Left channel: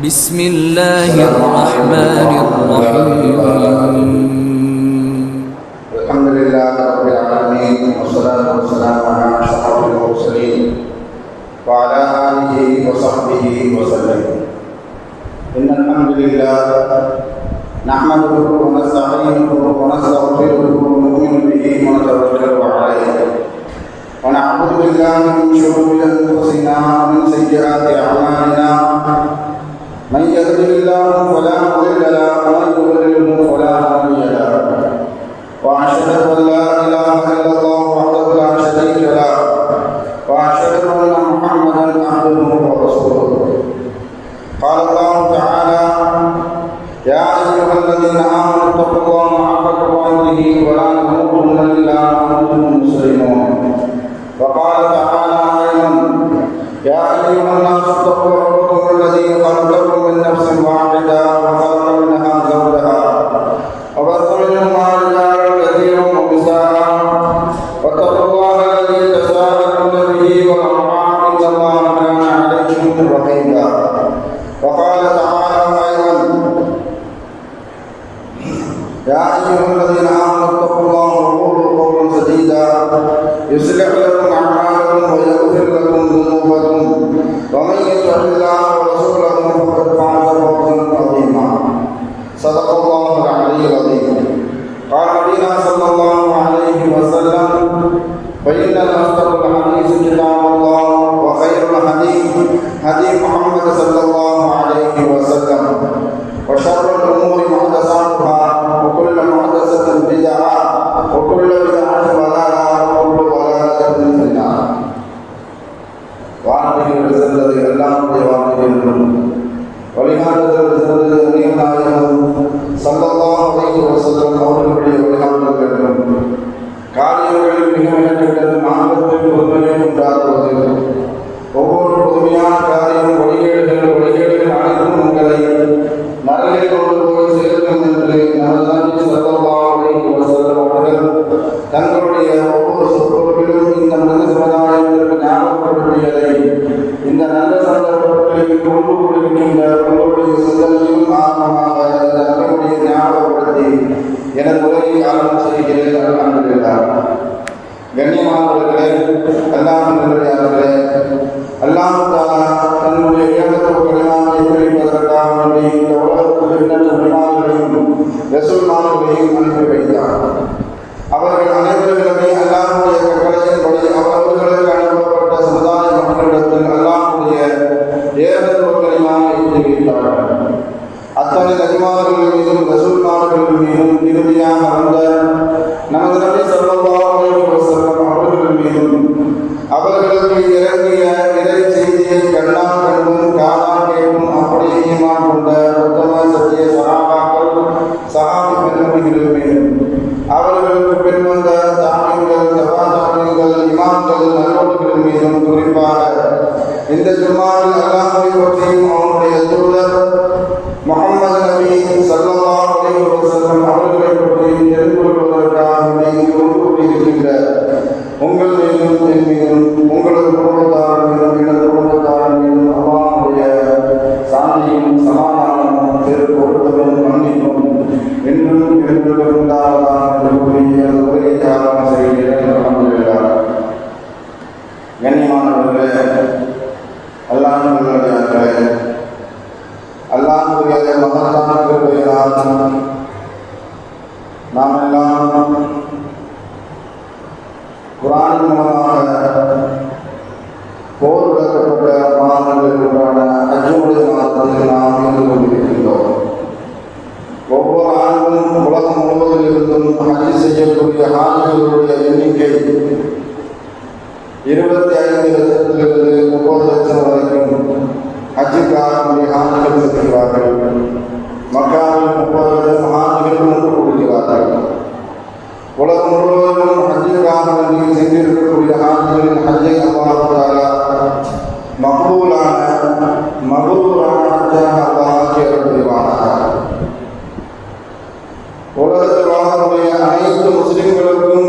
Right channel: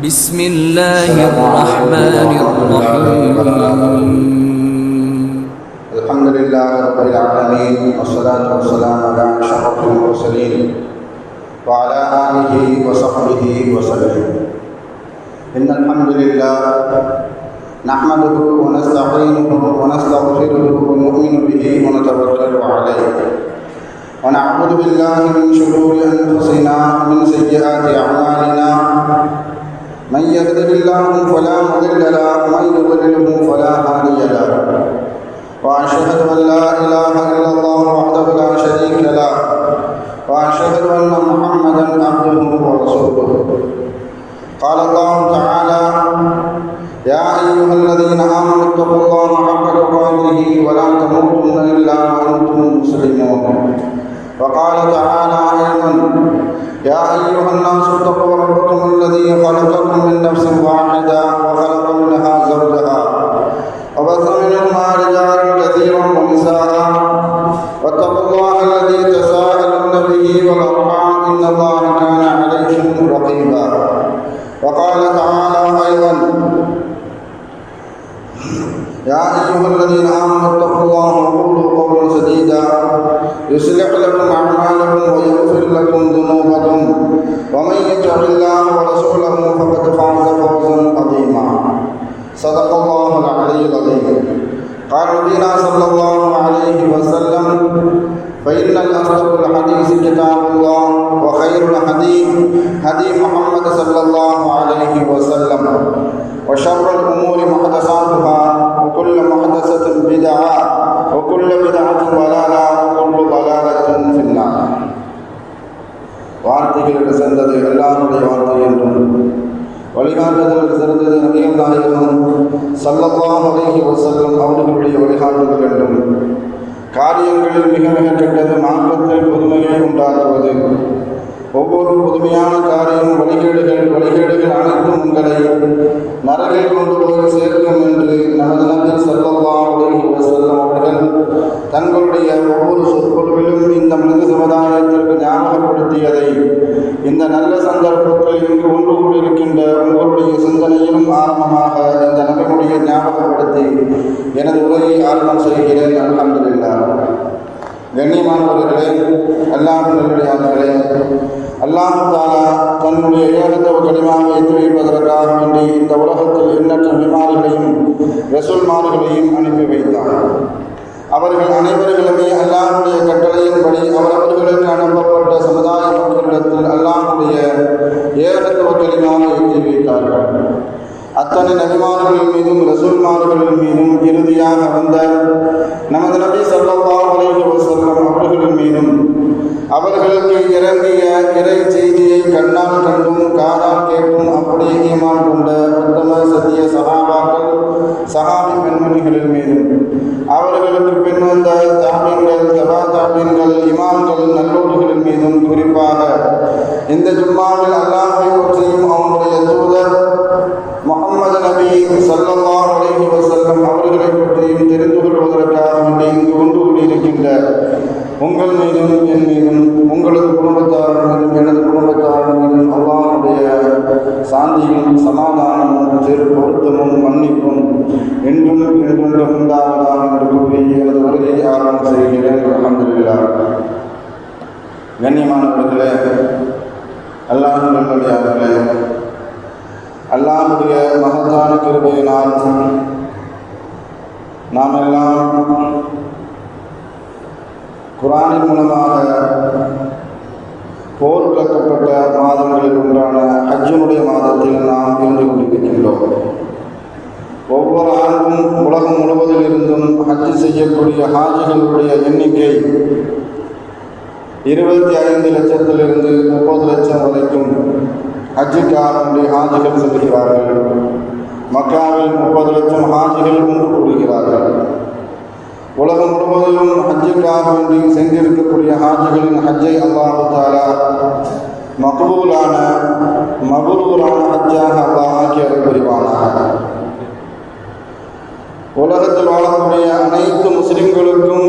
بسم الله الرحمن الرحيم. الحمد لله رب العالمين، والصلاة والسلام على أشرف المرسلين وعلى آله وصحبه وسلم. إن الحمد لله نحمده ونستعينه ونستغفره ونؤمن به ونتوكل عليه، ونعوذ بالله من شرور أنفسنا ومن سيئات أعمالنا. من يهده الله فلا مضل له ومن يضلله فلا هادي له، وأشهد أن لا إله إلا الله وحده لا شريك له، وأشهد أن محمدا عبده ورسوله. قال الله تعالى: يا أيها الذين آمنوا اتقوا الله حق تقاته ولا تموتن إلا وأنتم مسلمون. وقال تعالى أيضا: يا أيها الناس اتقوا ربكم الذي خلقكم من نفس واحدة وخلق منها زوجها وبث منهما رجالا كثيرا ونساء، واتقوا الله الذي تساءلون به والأرحام إن الله كان عليكم رقيبا. وقال تعالى أيضا: يا أيها الذين آمنوا اتقوا الله وقولوا قولا سديدا يصلح لكم أعمالكم ويغفر لكم ذنوبكم، ومن يطع الله ورسوله فقد فاز فوزا عظيما. صدق الله العلي العظيم. قال نبينا صلى الله عليه وسلم: فإن أصدق الحديث كتاب الله، وخير الحديث هدي محمد صلى الله عليه وسلم، وشر الأمور محدثاتها، وكل محدثة بدعة، وكل بدعة ضلالة، وكل ضلالة في النار. வார்த்தைகள் சிறந்தது எல்லாருடைய வார்த்தை என்றும் வழிகாட்டுதல் சிறந்தது அநேகநாயகம் ஸல்லல்லாஹு அலைஹி வஸல்லம் அவர்களுடைய வழிகாட்டுதல் என்றும் காரியங்களில் மிக மிக கெட்டது மார்க்கத்தில் புதுமையை உண்டாக்குவது. ஒவ்வொரு புதுமையான காரியம் வழிகேடுகள் அனைத்தும் உங்களை நரகில் கொண்டு போய் சேர்க்கும் என்று நமது நபி ஸல்லல்லாஹு அலைஹி வஸல்லம் அவர்கள் தங்களுடைய ஒவ்வொரு சொற்பொழிவிலும் இந்த மனித சமுதாயத்திற்கு ஞாபகப்படுத்தியதை இந்த நல்ல சந்தர்ப்பத்தில் இங்கு ஒன்று கூடியிருக்கின்ற உங்களுடைய சிந்தனையும் ஆரம்பமாக இந்த நபியுடைய ஞாபகப்படுத்தி எனது உரையை ஆரம்பம் செய்கிறேன். அல்ஹம்துலில்லாஹ். கண்ணியமானவர்களே, அல்லாஹ்வுடைய அல்லாஹ் தஆலா தன்னுடைய ஏகத்துவ கலிமாவை தெரிவிப்பதற்காக வேண்டி இந்த உலகத்தில் எண்ணற்ற நபிமார்களையும் ரசூல்மார்களையும் அனுப்பி வைத்தார். அவர்கள் அனைவர்களுமே அல்லாஹ்வுடைய கட்டளையின்படி அவர்களுக்கு அனுப்பப்பட்ட சமுதாய மக்களிடத்தில் அல்லாஹ்வுடைய ஏகத்துவ கலிமாவை தெரிவித்தார்கள். அத்தனை நபிமார்கள் மீதும் ரசூல்மார்கள் மீதும் இறுதியாக வந்த நமது நபி ஸல்லல்லாஹு அலைஹி வஸல்லம் அவர்கள் மீதும் அவர்களுக்கு இறங்கிய இறை செய்தியை கண்ணால் கண்டும் காதால் கேட்டும் அப்படியே ஈமான் கொண்ட உத்தம சத்திய சஹாபாக்கள் சஹாபி பெண்மணிகள் மீதும் அவர்களுக்கு பின் வந்த தாபீன்கள் தபா தாபீன்கள் இமாம்கள் நல்லோடுகள் மீதும் குறிப்பாக இந்த ஜும்மாவில் அல்லாஹ்வை பற்றியும் அவனுடைய தூதர் முஹம்மது நபி ஸல்லல்லாஹு அலைஹி வஸல்லம் அவர்களை பற்றியும் தெரிந்து கொள்வதற்காக இங்கு ஒன்று கூடியிருக்கின்ற உங்கள் மீதும் என் மீதும் உங்களது குடும்பத்தார் மீதும் எனது குடும்பத்தார் மீதும் அல்லாஹ்வுடைய சாந்தியும் சமாதானமும் பொருத்தமும் மன்னிப்பும் என்றும் என்றும் உண்டாவதாக என்று கூறி எனது உரையை ஆரம்பம் செய்கிறேன். அல்ஹம்துலில்லாஹ். கண்ணியமானவர்களே, அல்லாஹ்வுடைய அல்லாஹ்வுடைய மகத்தான கிருபையினால் நாம் எல்லாம் குர்ஆனின் மூலமாக போர் விளக்கப்பட்ட மாதங்களில் ஒன்றான ஹஜ்ஜுடைய மாதத்தில் நாம் இருந்து கொண்டிருக்கின்றோம். ஒவ்வொரு ஆண்டும் உலகம் முழுவதில் இருந்தும் ஹஜ்ஜு செய்யக்கூடிய ஹாஜிகளுடைய எண்ணிக்கை 25 லட்சத்திலிருந்து 30 லட்சம் வரைக்கும் ஹஜ்ஜுக்காக ஹாஜிகள் செல்கிறார்கள். மக்காவில் 30 லட்சம் ஹாஜிகள் ஒன்று கூடுகிறார்கள். உலகம் முழுவதிலும் ஹஜ்ஜுக்காக வேண்டி சென்றிருக்கக்கூடிய ஹாஜிகளின் ஹஜ்ஜை அல்லாஹ் தஆலா மக்பூலான மக்ரூரான ஹஜ்ஜாக அல்லாஹ் ஆக்கி அருள் புரிவானாக. உலகத்தில் வாழக்கூடிய அனைத்து முஸ்லிம்களுக்கும்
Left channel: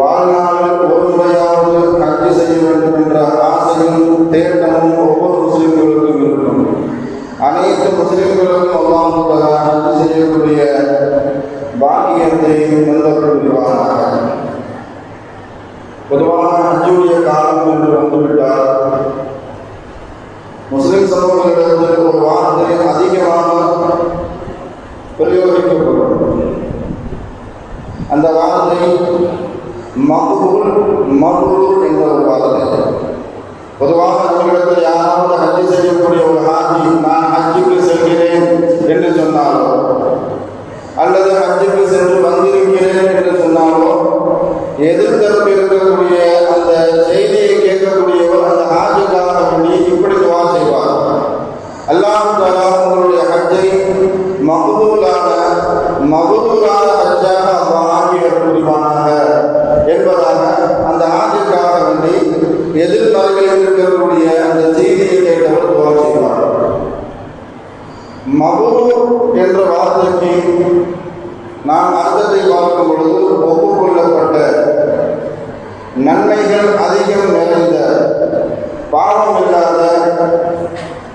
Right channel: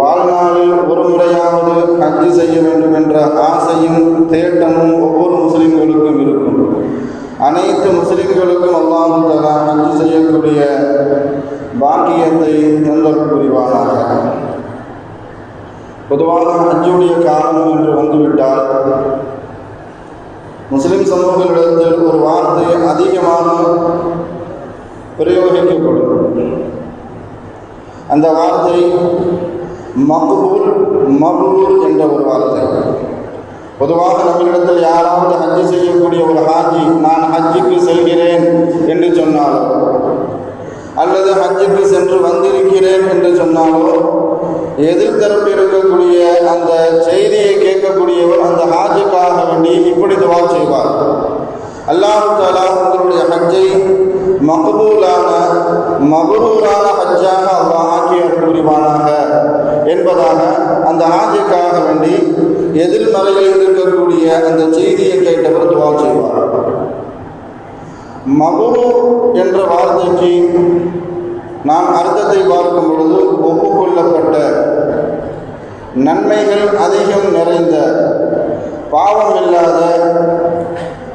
வாழ்நாளில் ஒரு முறையாவது ஹஜ்ஜு செய்ய வேண்டும் என்ற ஆசையும் தேட்டமும் ஒவ்வொரு முஸ்லிம்களுக்கும் இருக்கும். அனைத்து முஸ்லிம்களுக்கும் அல்லாஹ் தஆலா ஹஜ் செய்யக்கூடிய பாக்கியத்தை தந்தல் புரிவானாக. பொதுவாக ஹஜ்ஜுடைய காலம் என்று வந்துவிட்டால் முஸ்லிம் சமூகங்களிடத்தில் ஒரு வார்த்தை அதிகமாக பிரயோகிக்கப்படும். அந்த வார்த்தை மக்பூல் மப்ரூர் என்ற ஒரு வார்த்தை. பொதுவாக நம்மளிடத்தில் யாராவது ஹஜ்ஜு செய்யக்கூடிய ஒரு ஹாஜி நான் ஹஜ்ஜுக்கு செல்கிறேன் என்று சொன்னாலோ அல்லது ஹஜ்ஜுக்கு சென்று வந்திருக்கிறேன் என்று சொன்னாலோ எதிர்த்தரப்பு இருக்கக்கூடிய அந்த செய்தியை கேட்கக்கூடியவர் அந்த ஹாஜுக்காக வேண்டி இப்படி துவா செய்வார்: அல்லாஹ் தஆலா உங்களுடைய ஹஜ்ஜை மக்பூலான மப்ரூரான ஹஜ்ஜாக அல்லாஹ் ஆக்கி புரிவானாக என்பதாக அந்த ஹாஜுக்காக வேண்டி எதிர்மறையில் இருக்கக்கூடிய அந்த செய்தியை கேட்டவர் துவா செய்வார். மப்ரூர் என்ற வார்த்தைக்கு நாம் அர்த்தத்தை பார்க்கும் பொழுது ஒப்புக்கொள்ளப்பட்ட, நன்மைகள் அதிகம் நிறைந்த, பாவம் இல்லாத,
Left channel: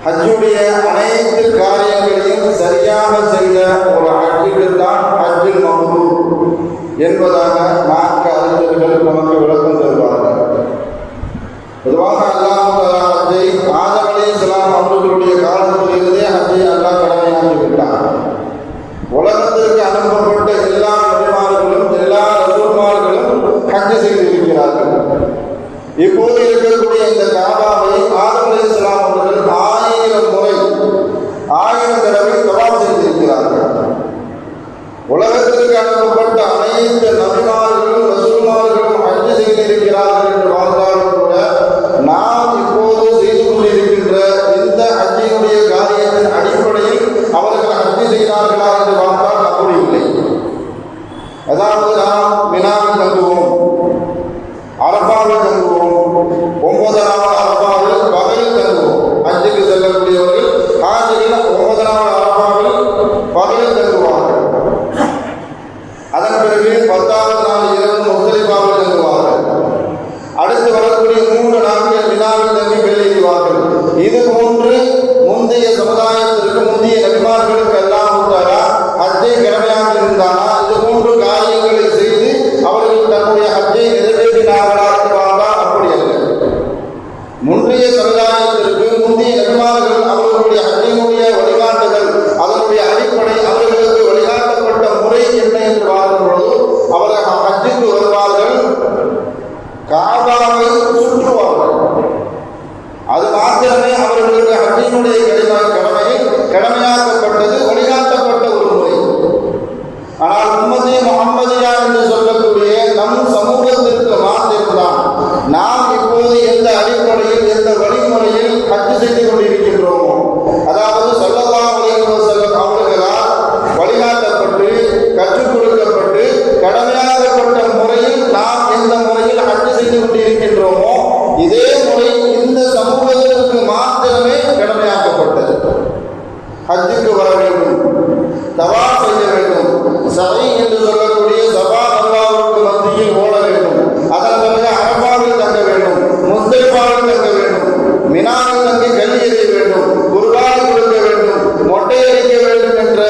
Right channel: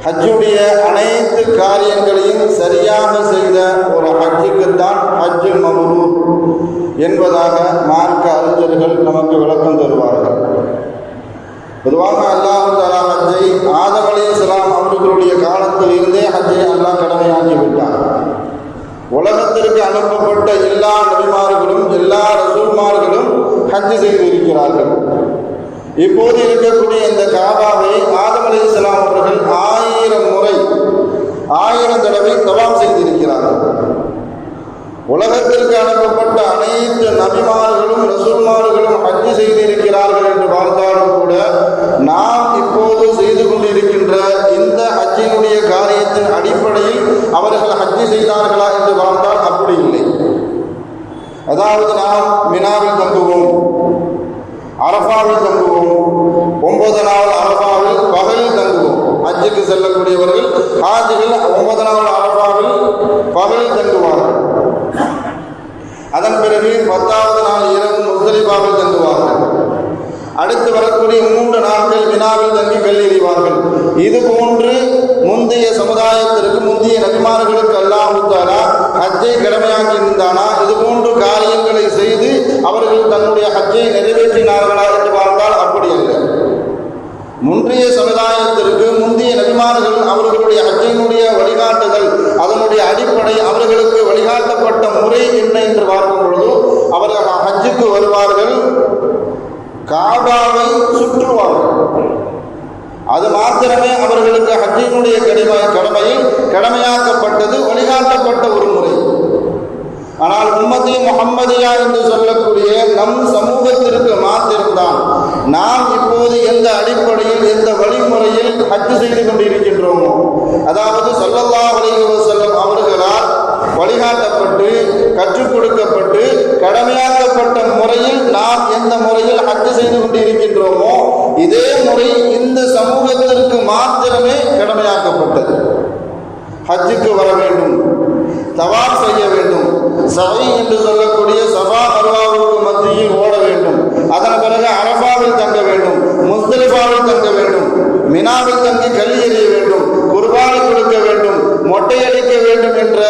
ஹஜ்ஜுடைய அனைத்து காரியங்களையும் சரியாக செய்த ஒரு ஹஜ்ஜுக்குத்தான் ஹஜ்ஜுல் மப்ரூர் என்பதாக மார்க்க அறிஞர்கள் நமக்கு விளக்கம் தருவார்கள். பொதுவாக அல்லாஹ் தஆலா ஹஜ்ஜை ஆதம் அலைஹிஸ்ஸலாம் அவர்களுடைய காலத்திலிருந்தே ஹஜ்ஜை அல்லாஹ் கடமையாக்கி விட்டார். உலகத்திற்கு அனுப்பப்பட்ட எல்லா நபிமார்களும் எல்லா ரசூல்மார்களும் ஹஜ் செய்திருக்கிறார்கள். இப்போது இருக்கக்கூடிய இந்த காபாவை ஆதம் அலைஹிஸ்ஸலாம் அவர்கள் 1000 முறை 1000 தடவை தவாப் செய்திருக்கிறார்கள். உலகத்திற்கு அனுப்பப்பட்ட அனைத்து நபிமார்களும் ரசூல்மார்களும் ஹஜ் செய்திருக்கிறார்கள் என்று பார்த்தாலும் கூட நாம் இப்போது செய்து கொண்டிருக்கின்ற இந்த ஹஜ்ஜினுடைய காரியத்தின் அடிப்படையில் அவர்கள் ஹஜ் செய்தார்களா என்று பார்த்தால் அப்படி இல்லை. அதாவது நாம் மினாவில் தங்குவோம், அரஃபாவில் தங்குவோம், 9வது அரஃபாவில் பகலில் தங்குவோம். ஹஜ்ஜுக்கு செல்லக்கூடியவர்கள் ஹாஜிகள் 9வது அரஃபாவில் பகலில் தங்குவார்கள். அதன் பிறகு 10வது நாள் இரவு முஸ்தலிஃபாவில் தங்குவார்கள். அடுத்து வரக்கூடிய 3 நாட்கள் மினாவில் தங்கி வெளியேறுவார்கள். இது போன்று முந்தைய சமுதாயத்திற்கு, முந்தைய நபிமார்களுக்கு அல்லாஹ் தஆலா ஹஜ்ஜை கடமையாக்கி இருந்தானா? இது போன்று காரியங்களை செய்து அவர்கள் தன்னுடைய ஹஜ்ஜை நிறைவேற்றினார்களா என்று பார்த்தால் அப்படி அல்ல. முந்தைய சமுதாயத்திற்கு முந்தைய நபிமார்கள் அவர்களுடைய ஹஜ்ஜினுடைய வழிகாட்டுதல், அதனுடைய அடிப்படை, அவர்களுக்கு வழிகாட்டப்பட்ட முறை என்ன என்று பார்க்கும் பொழுது அவர்கள் ஹஜ்ஜுக்கு வருவார்கள், காபாவை சுற்றுவார்கள். அது மாத்திரமே அவர்களுக்கு ஹஜ்ஜினுடைய கடமையில் கடமையாக்கப்பட்டது, வழிகாட்டப்பட்ட ஒரு முறை. ஆனால் உம்மத்தி முஹம்மதியா என்று சொல்லக்கூடிய நம் சமூகத்திற்கு மாத்திரம்தான் நாம் இப்போது எந்த அடிப்படையில், எந்த வழிமுறையில் ஹஜ் செய்து கொண்டிருக்கின்றோமோ, அதாவது ஸல்லல்லாஹு அலைஹி வஸல்லம் அவர்களால் வழிகாட்டப்பட்டு கற்றுக் கொடுக்கப்பட்டு கடமையாக்கப்பட்ட முறையில் நாம் எந்த முறையில் ஹஜ் செய்து கொண்டிருக்கின்றோமோ இதே முறை இந்த சமூகத்திற்கு மாத்திரமே கடமையாக்கப்பட்டது. ஹஜ்ஜுக்கு வர வேண்டும், தவாஃப் செய்ய வேண்டும், சஃபை என்று சொல்லக்கூடிய ஸஃபா மர்வாவுக்கு மத்தியில் ஓட வேண்டும், அதன் பிறகு அரஃபாவில் தங்க வேண்டும், முஸ்தலிஃபாவில் தங்க வேண்டும், மினாவில் தங்கி கல்லி எறிய வேண்டும், குர்பான் கொடுக்க வேண்டும், மொட்டை அடிக்க வேண்டும் என்ற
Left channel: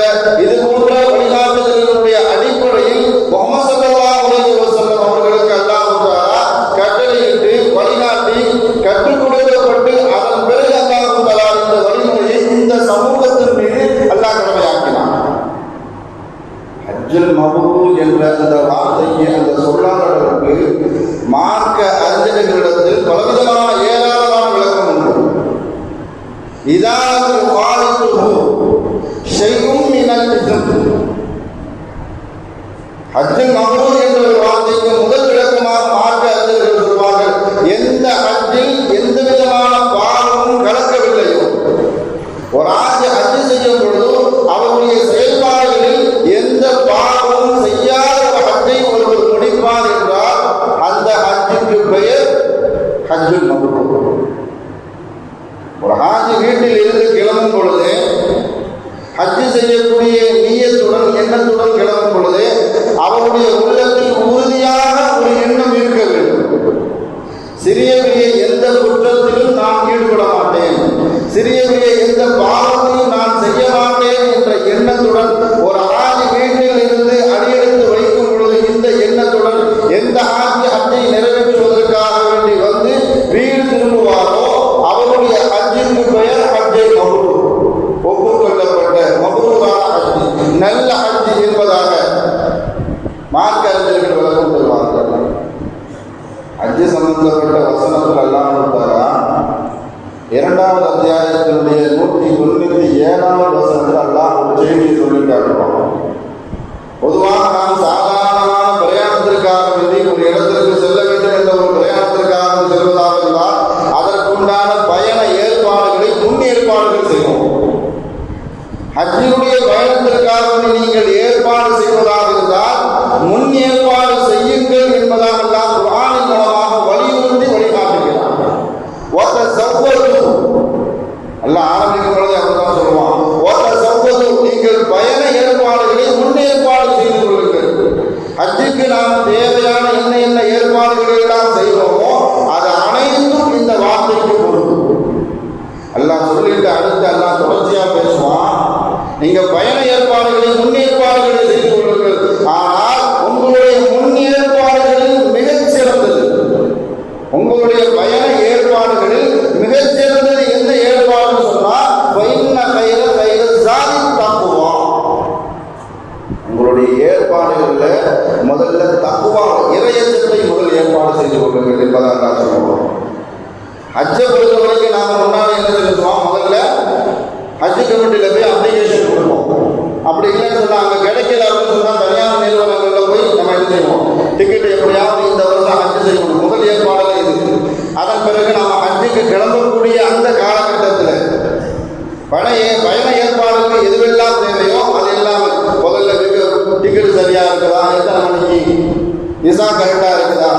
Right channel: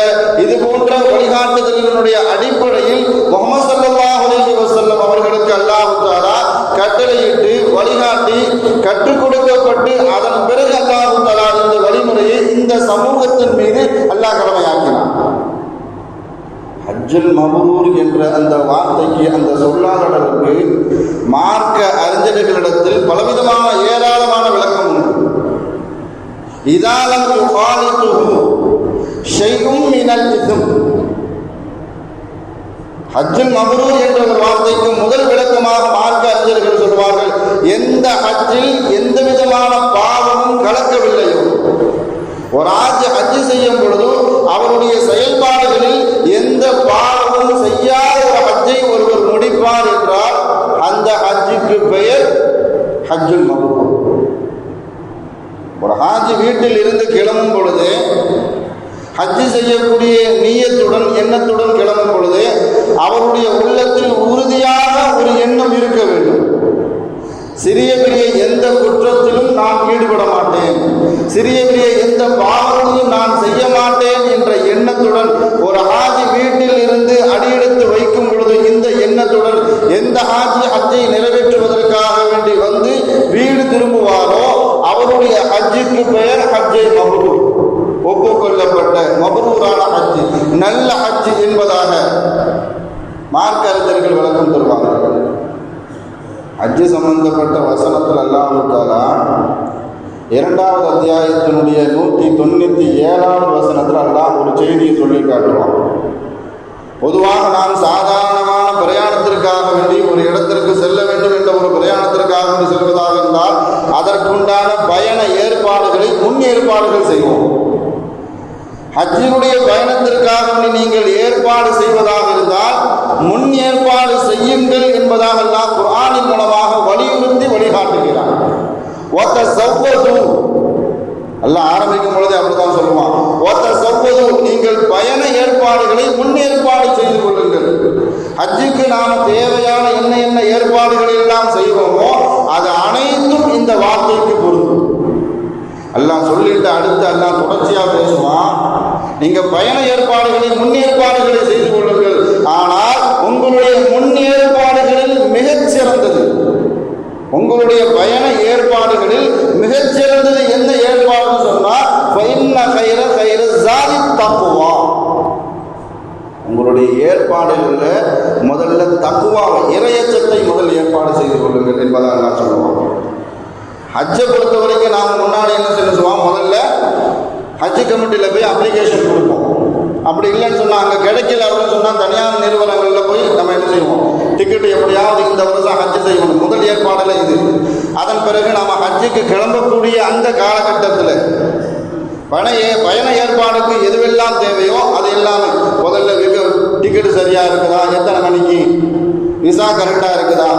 இது போன்ற வழிகாட்டுதலினுடைய அடிப்படையில் முஹம்மது ஸல்லல்லாஹு அலைஹி வஸல்லம் அவர்களுக்கு அல்லாஹ் தஆலா கட்டளையிட்டு வழிகாட்டி கற்றுக் கொடுக்கப்பட்டு அதன் பிறகு அல்லாஹ் தஆலா இந்த வழிமுறையை இந்த சமூகத்தின் மீது அல்லாஹ் கடமையாக்கினான். ஹஜ்ஜுல் மப்ரூர் என்ற அந்த வார்த்தைக்கு, அந்த சொல்லாடலுக்கு மார்க்க அறிஞர்களிடத்தில் பலவிதமான ஏராளமான விளக்கம் உண்டு. இதாலம் யுகாலிதுஹு ஷைஉம் மினல் இஸ்ம். ஹஜ்ஜுல் மப்ரூர் என்ற ஒரு வார்த்தைக்கு முதல் விளக்கமாக மார்க்க அறிஞர்கள் சொல்வார்கள், எந்த ஹஜ்ஜில் எந்த விதமான பாவமும் கலக்கவில்லையோ, ஒரு ஹஜ் செய்யும் பொழுது அவருடைய செயல்பாடுகளில் எந்த பாவமும் செய்யாத ஒரு ஹஜ்ஜை ஒருவர் முடிப்பார் என்றால் அந்த ஹஜ்ஜுக்கு பெயர் ஹஜ்ஜுல் மப்ரூர். ஒரு ஹாஜி வீட்டில் இருந்து கிளம்பும் பொழுது, ஹஜ் செய்யக்கூடிய நியத்துடன், எண்ணத்துடன் கிளம்பும் பொழுது அவருடைய உள்ளத்தில் உறுதியாக ஒரு எண்ணம் இருக்க வேண்டும். சிறிய பெரிய எந்த குற்றத்திலும் நான் ஈடுபட மாட்டேன், சிறிய பெரிய எந்த பாவத்தை காட்டுவான். பொதுவாக நாம் சாதாரணமான பிரயாணத்திற்காக வேண்டி ஒரு இடத்திற்கு செல்ல வேண்டும் என்ற ஒரு பிரயாணத்திற்காக செல்வதாக இருந்தால் அதற்குண்டான பயண ஏற்பாடுகளை முன் ஏற்பாடுகள் செய்வோம். ஹஜ்ஜினுடைய பயணத்திற்காக நீங்கள் ஏற்பாடு செய்வதாக இருந்தால் முன் ஏற்பாடு செய்யுங்கள் என்பதாக எல்லாம் குர்ஆனின் மூலமாக வலியுறுத்தி வழிகாட்டுகிறார். அல்லாஹ் ஆரம்பிக்கும் பொழுது அப்படித்தான் சொல்லுவான், நீங்கள் பயண ஏற்பாடுகளை முன் ஏற்பாடு செய்து கொள்ளுங்கள். ஹஜ்ஜுக்கு நாம் தேவையான என்ன ஏற்பாடுகளை எல்லாம் செய்வோமோ அது அனைத்தும் இந்த வார்த்தைக்கு பொருந்தும். அல்லாஹ் சொல்லிட்டு அடுத்து அல்லாஹ் தொடர்ச்சியா பேசுவான், நீங்க பயண ஏற்பாடுகளை முன் ஏற்பாடுகளை செய்து கொள்ளுங்கள். ஆனால் உங்களுடைய முன் ஏற்பாடுகளில் மிகச்சிறந்தது, உங்களுடைய பயண ஏற்பாடுகளில் மிகச்சிறந்தது எந்த ஏற்பாடுன்னு சொன்னா தக்குவா. உங்களுடைய ஏற்பாடுகளில் முதல்ல தக்குவா இறையச்சத்தை முதல் ஏற்பாடு செய்து கொள்ளுங்கள் என்பதாக நான் சொல்லுவோம். ஹஜ்ஜை பொறுத்த வரைக்கும் நாங்கள் முன்னாடி என்ன சொல்லுவோம், முதல்ல ஹஜ் கமிட்டியில் போய் அப்ளிகேஷன் கொடுப்போம். அப்படி இல்லைன்னு சொன்னால் அங்கே கிடைக்கல அப்படின்னு சொன்னால் தனியார் நிறுவனங்களில் போய் நம்ம என்ன செய்வோம், டிக்கெட் எப்படியாவது இந்த வருஷம் ஹஜ் செய்யணும், முதல் ஏற்பாடில் இது. அதன் பிறகு நம்ம ஹஜ்ஜுக்கு கிளம்பக்கூடிய அந்த காலகட்டத்தில் பயண ஏற்பாடுக்கு எதுவெல்லாம் தேவையோ அது எல்லாமே முதல்ல டிக்கெட் சரியாக இருக்குதா, எத்தனை மணிக்கு, விசா கரெக்டாக இருக்குதா,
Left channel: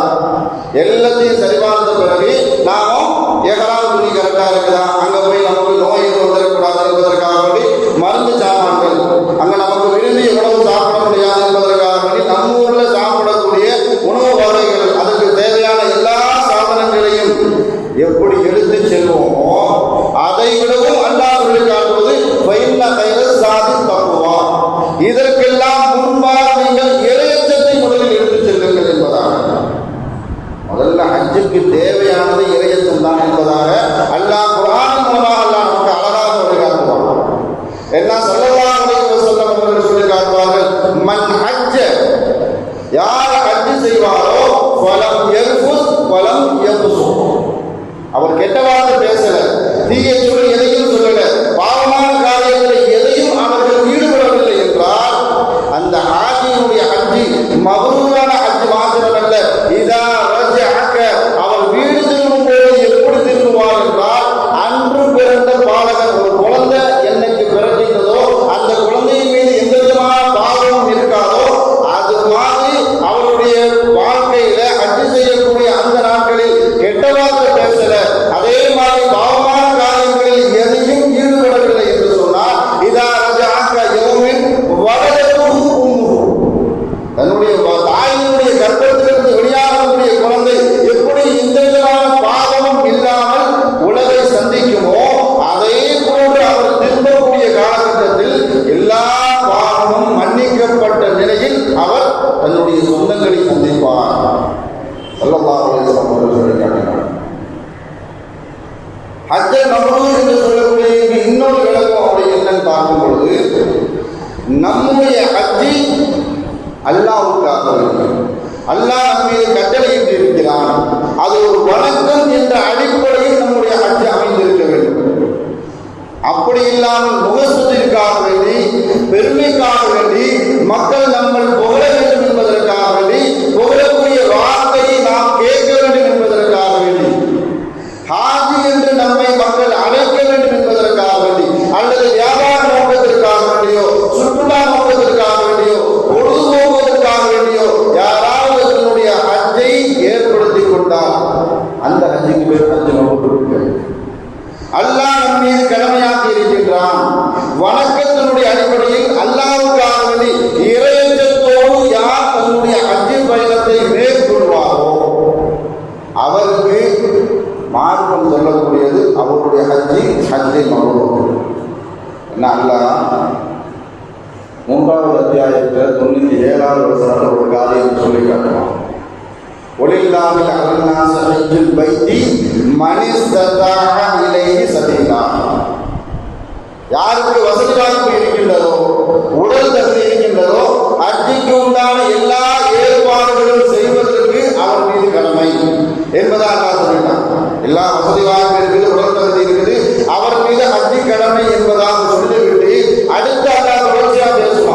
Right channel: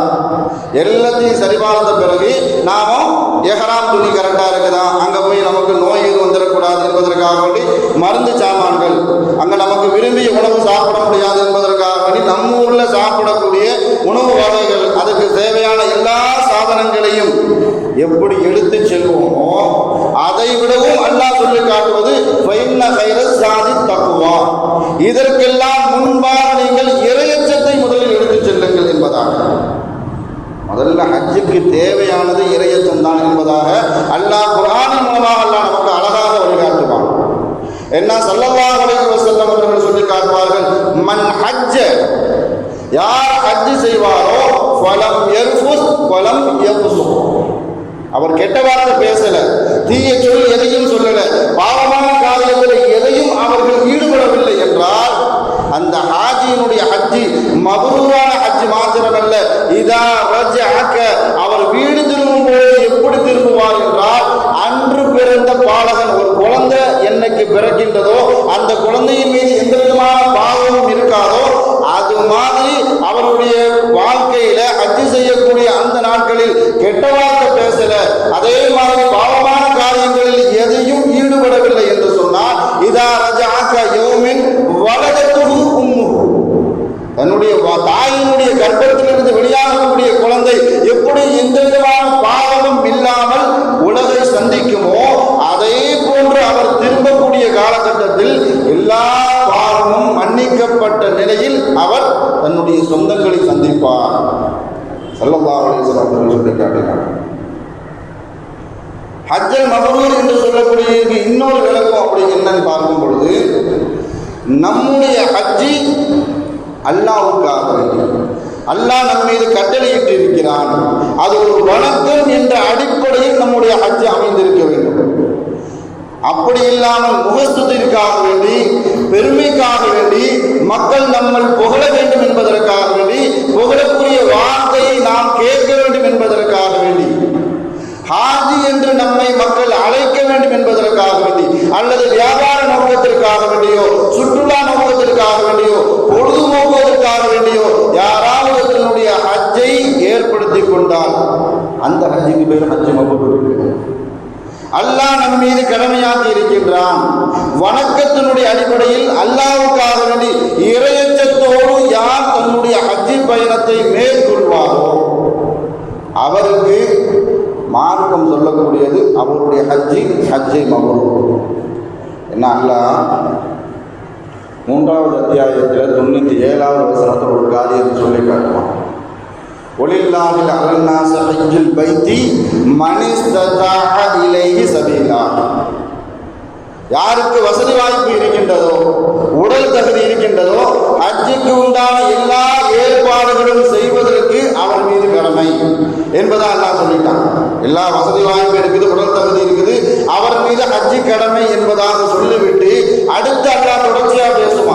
எல்லாத்தையும் சரி பார்த்த பிறகு நாமும் எஹ்ராம் துணி கரெக்டாக இருக்குதா, அங்கே போய் நமக்கு நோய் எதுவும் வந்துடக்கூடாது என்பதற்காக வேண்டி மருந்து சாமான்கள், அங்கே நமக்கு விரும்பிய உணவு சாப்பிட முடியாது என்பதற்காக வேண்டி நம்ம ஊரில் சாப்பிடக்கூடிய உணவு வகைகள், அதுக்கு தேவையான எல்லா சாதனங்களையும் எப்படி எடுத்து செல்வோமோ அதை விடவும் அல்லாஹ் சொல்லி காட்டுவது தக்குவா. இதற்கெல்லாம் முன்பாக நீங்கள் இறையச்சத்தை முதலில் எடுத்து செல்லுங்கள் என்பதாக. முதல்ல ஹஜ்ஜுக்கு தேவையானது இறையச்சம் தான் என்பதாக அல்லாஹ் குர்ஆனின் மூலமாக அல்லாஹ் நமக்கு அழகாக வழிகாட்டுவான். என்ன ஸல்லல்லாஹு அலைஹி வஸல்லம் அவர்கள் சொல்லி காட்டுவார்கள், மன் ஹஜ்ஜ, யார் ஹஜ் செய்வாரோ ஃபலம் யர்ஃபுஸ் வலம் யஃபுஸ், அவர் கெட்ட வார்த்தை பேசல, தீய சொல் எதையும் சொல்லல, பாவமான காரியத்தில் எதையும் அவர்கள் ஈடுபடவில்லை என்றால் அந்த ஹாஜியினுடைய ஹஜ்ஜி மபரூரான ஹஜ் மாத்திரமல்ல, இதா ரஜஅக, அவர் வீடு திரும்பும் போது எப்படி திரும்புவார் என்றால், அன்று பிறந்த பாலகன், ஒரு குழந்தை என்னைக்கு பிறக்கின்றதோ அந்த குழந்தையின் மீது எந்த விதமான பாவமும் இருக்காதோ அது மாதிரி அவருடைய வாழ்க்கையில ஹஜ் செய்யக்கூடிய அந்த நாட்களில் கெட்ட வார்த்தை பேசல, அதே மாதிரி பாவமான காரியங்களில் எதையும் ஈடுபடவில்லை என்று சொன்னால், இதா ரஜஅக யௌமின் வலதத்துஹு உம்முஹு, தன்னுடைய தாயினுடைய கர்ப்பத்திலிருந்து வெளியாகக்கூடிய குழந்தை எப்படி எந்த விதமான பாவமும் இல்லாமல் உலகை சந்திக்குமோ அதே போன்று அவர் திரும்பக்கூடிய காலகட்டத்தில் எல்லா பாவமும் மன்னிக்கப்பட்ட நிலையில் அவர் தன்னுடைய சொந்தங்களை சந்திப்பார். ஸல்லல்லாஹு அலைஹி வஸல்லம் சொல்லி காட்டினார். ஹஜ்ஜை மப்ரூர் என்று சொல்லக்கூடிய இன்னொரு விளக்கம் அப்படி என்னன்னு பார்க்கும் பொழுது, நம்முடைய ஹஜ்ஜி அல்லாஹ்வுக்காக வேண்டும், அல்லாஹ் நம் மீது கட்டளையிட்டு இருக்கிறான், அது ஒரு வணக்கம் என்ற அடிப்படையில் நம்முடைய ஹஜ் அமைந்திருக்க வேண்டும். அப்படி இல்லாமல் முகஸ்துதிற்காக வேண்டி, பெருமைக்காக வேண்டி, மக்கள் நம்மை புகழ வேண்டும் என்பதற்காக வேண்டி, புகழக்கூடிய வார்த்தையை நாம் கேட்க வேண்டும் என்பதற்காக வேண்டி, ஹாஜி என்று நம்மை மக்கள் அழைக்க வேண்டும் என்பதற்காக வேண்டி, அல்லது வியாபார நோக்கத்திற்காக வேண்டியோ, சுற்றுலா நோக்கத்திற்காக வேண்டியோ, பொழுதுபோக்குவதற்காக வேண்டியோ யாராவது தன்னுடைய ஹஜ்ஜை ஏற்படுத்தி கொண்டால் அந்த ஹஜ்ஜுக்கு பேர் ஹஜ் மப்ரூர். அல்லாஹ் நம் மீது கடமையாக்கி இருக்கின்றான். வணக்கத்தினுடைய அடிப்படையில் அல்லாஹ்வுக்காக வேண்டி இறையச்சத்தோடு யார் தன்னுடைய ஹஜ் பயணத்தை மேற்கொள்வாரோ அவருக்கு மார்க்கம் சொல்லக்கூடியது அவருடைய ஹஜ்ஜை மப்ரூர். என்ன அல்லாஹ் 3வது அத்தியாயத்தில் 97வது வசனத்தில் ஒரு காரியத்தை சொல்லி காட்டுறோம். ஒலில்லாஹி அலன்னாஸ ஹஜ்ஜுல் பைத்தி மன் இஸ்ததாஅ இலைஹி சபீலா, யாருக்கு வசதி வாய்ப்பு இருக்கின்றதோ, உடல் தகுதி இருக்கின்றதோ, ஹஜ்ஜுக்கு உண்டான எல்லா ஏற்பாடுகளும் செய்வதற்கு அவர் மீது கடமை என்பதாக அல்லாஹ் சொல்லிட்டான். எல்லா வசதி வாய்ப்பு இருக்குது, உடல் தகுதி இருக்குது, அவர் மீது ஹஜ்ஜு கடமை என்பதாக சொல்லிவிட்டு அடுத்த அல்லாஹ் தொடர்ச்சியாக பேசுவார்.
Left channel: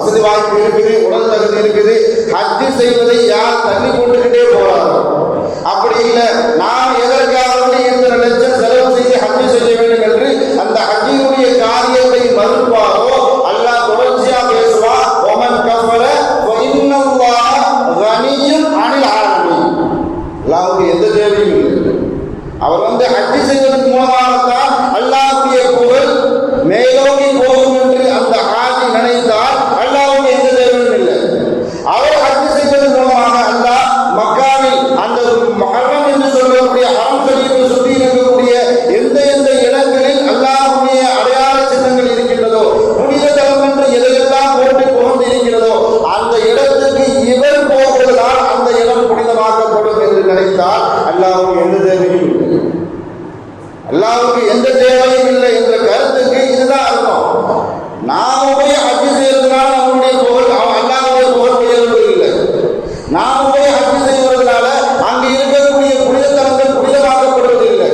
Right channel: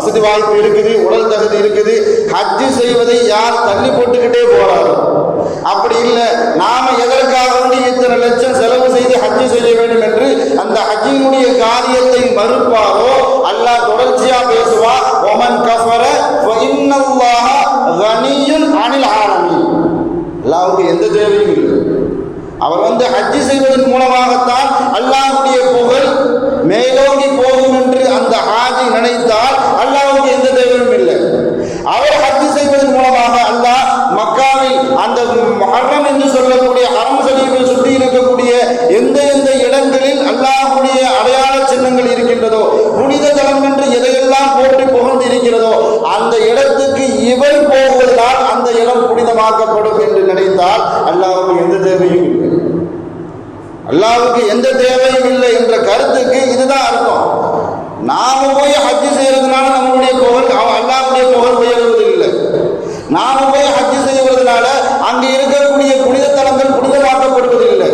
வசதி வாய்ப்பு இருக்குது, உடல் தகுதி இருக்குது, ஹஜ்ஜு செய்வதை யார் தள்ளி போட்டுக்கிட்டே போறாரோ, அப்படி இல்லை நாம் எதற்காக இத்தனை லட்சம் செலவு செய்து ஹஜ்ஜு செய்ய வேண்டும் என்று அந்த ஹஜ்ஜினுடைய காரியத்தை மறுப்பாரோ அல்லாஹ் தொடர்ச்சியா பேசுவா, ஒமன் கஃபர வ இன்னல்லாஹ கனியுன் அனில் ஆலமீன். அல்லாஹ்வுக்கு எந்த தேவையும் இல்லை. அவர் ஹஜ்ஜு செய்வதன் மூலமாகத்தான் அல்லாஹ்வுடைய புகழ் மேலோங்கி போகும் என்று அந்த ஹாஜி நினைத்தால் அல்லாஹ்வுக்கு எந்த தேவையும் இல்லை. அவர் ஹஜ்ஜு செய்வதன் மூலமாக அல்லாஹ் மக்காவில் அந்த முஹர்ரம் என்று சொல்லக்கூடிய ஹரம் ஷரீஃபை சுற்றி இருக்கக்கூடிய எந்த எந்த இடங்களில் அல்லாஹ்வுடைய அடையாள சின்னங்கள் இருக்கின்றதோ, புனித தலம் என்று எதையெல்லாம் போற்றி புகழ்ந்து இருக்கிறதோ, அந்த இடத்துக்கு இவர் போவதால் அந்த இடம் புனிதமாக்கப்படும் என்று நினைத்தால் அல்லாஹ்வுக்கு எந்த தேவையும் இல்லை. அல்லாஹ்வுக்கு எந்த தேவையும் இல்லை என்ற கருத்துக்கு இதுதான் அர்த்தம். நாம போய் ஹஜ்ஜு செய்யறதுனால நம்மளுடைய புகழ் அல்லாஹ்வுடைய புகழ் உயர்வது இல்லை. நாம போய் ஹஜ்ஜு செய்வதனால அங்கு இருக்கக்கூடிய புனித தலங்கள் புனிதமாக்கப்படுவது இல்லை.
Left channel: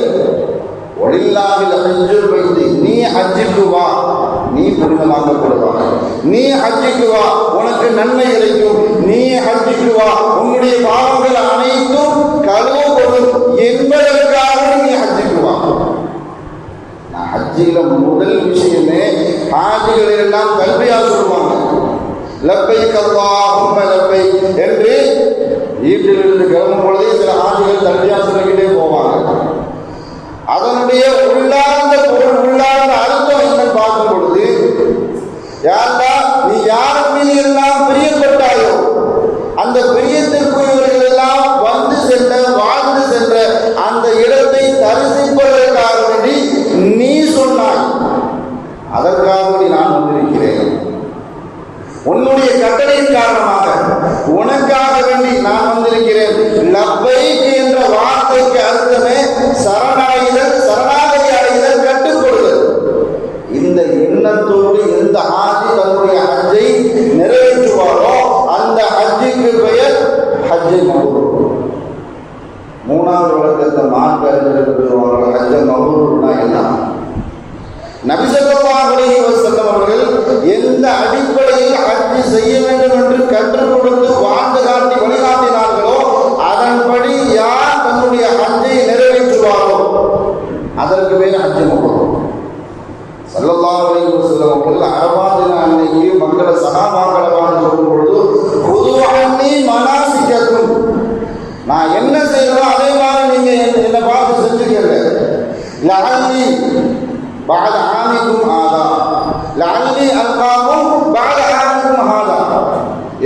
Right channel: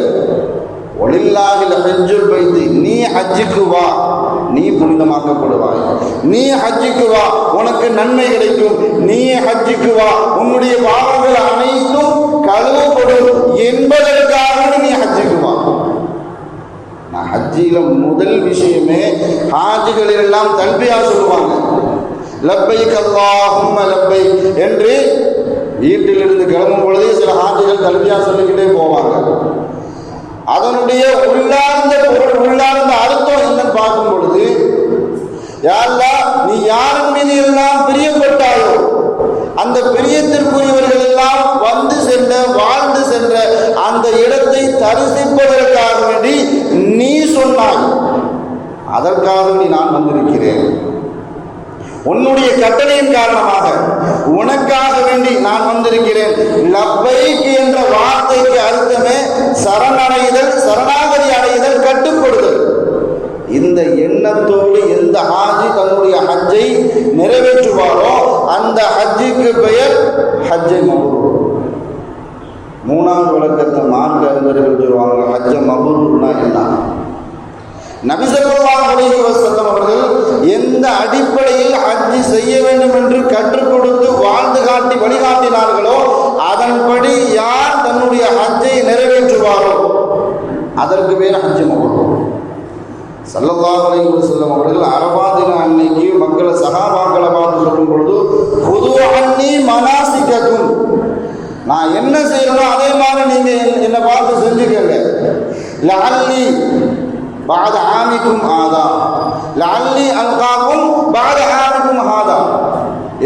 ஒலில்லாஹில் ஹஜ்ஜுல் பைத், நீ ஹஜ்ஜுக்கு வா, நீ புனிதமாக்கப்படுவாய். நீ ஹஜ்ஜுக்கு வா, உனக்கு நன்மை கிடைக்கும். நீ ஹஜ்ஜுக்கு வா, உன்னுடைய பாவங்கள் அனைத்தும் கழுவப்படும் என்பதற்காக நீ ஹஜ்ஜுக்கு வா. ஹஜ்ஜில முதல் விஷயமே ஹாஜிகள் எல்லாம் தல்பியா சொல்லுவாங்க. லப்பைக் அல்லாஹும்ம லப்பைக் என்று வீட்டிலிருந்து கிளம்பும் பொழுதே சில ஹாஜிகள் தல்பியா சொல்லிக்கிட்டே போவாங்க. அதனுடைய உள்ளார்ந்த பொருள், உள்ளார்ந்த அர்த்தம் என்று பார்க்கும் பொழுது, யா அல்லாஹ், நீ யார் மீது எல்லாம் பிரியப்பட்டாயோ அந்த பிரியத்திற்குரியவர்கள் எல்லாம் வந்து சென்ற வாழ்ந்து சென்ற அந்த இடத்தை தரிசிப்பதற்காக வேண்டி நீ சொன்னாய், அதற்காக வேண்டி நான் வந்திருக்கிறேன். உன்னுடைய கட்டளையின் காரணமாக உனக்காக வேண்டி நான் வந்திருக்கிறேன். லப்பைக் என்ற வார்த்தைக்கு அர்த்தமே சரணடைதல், சரணாகதி அடைதல், கட்டுப்படுதல். இந்த எண்ணத்தோடு எந்த ஹாஜி தன்னுடைய ஹஜ்ஜை நிறைவேற்றுவாரோ அந்த ஹஜ்ஜுக்கு பெயர் ஹஜ்ஜை மபரூர். மூணாவது விளக்கத்தை மார்க்க அறிஞர்கள் சொல்லுவாங்க, ஹஜ்ஜை மபரூர்னா என்ன? நபி ஸல்லல்லாஹு அலைஹி வஸல்லம் அவர்கள் எந்த அடிப்படையில் ஹஜ்ஜு செய்ய வேண்டும் என்று கற்றுக் கொடுத்து வாழ்ந்து காட்டி வழிகாட்டினார்களோ அதன்படி யார் தன்னுடைய ஹஜ்ஜை நிறைவேற்றுவாரோ அதற்கு பேர் ஹஜ்ஜு மபரூர். ஸல்லல்லாஹு அலைஹி வஸல்லம் அவர்கள் அரஃபா தின அன்னைக்கு மக்களை சஹாபாக்களை பார்த்து சொல்லும் பொழுது, புது அன்னி மனாசிக்கக்கும், நான் என்ன செய்யணும் அதே மாதிரி நீங்க என்னை பார்த்து செஞ்சுக்கங்க. லஅல்லி பஅத ஆமிக்கும் ஆதா, லஅல்லி அல்காக்கும் பஅத ஆமிக்கும் ஆதா,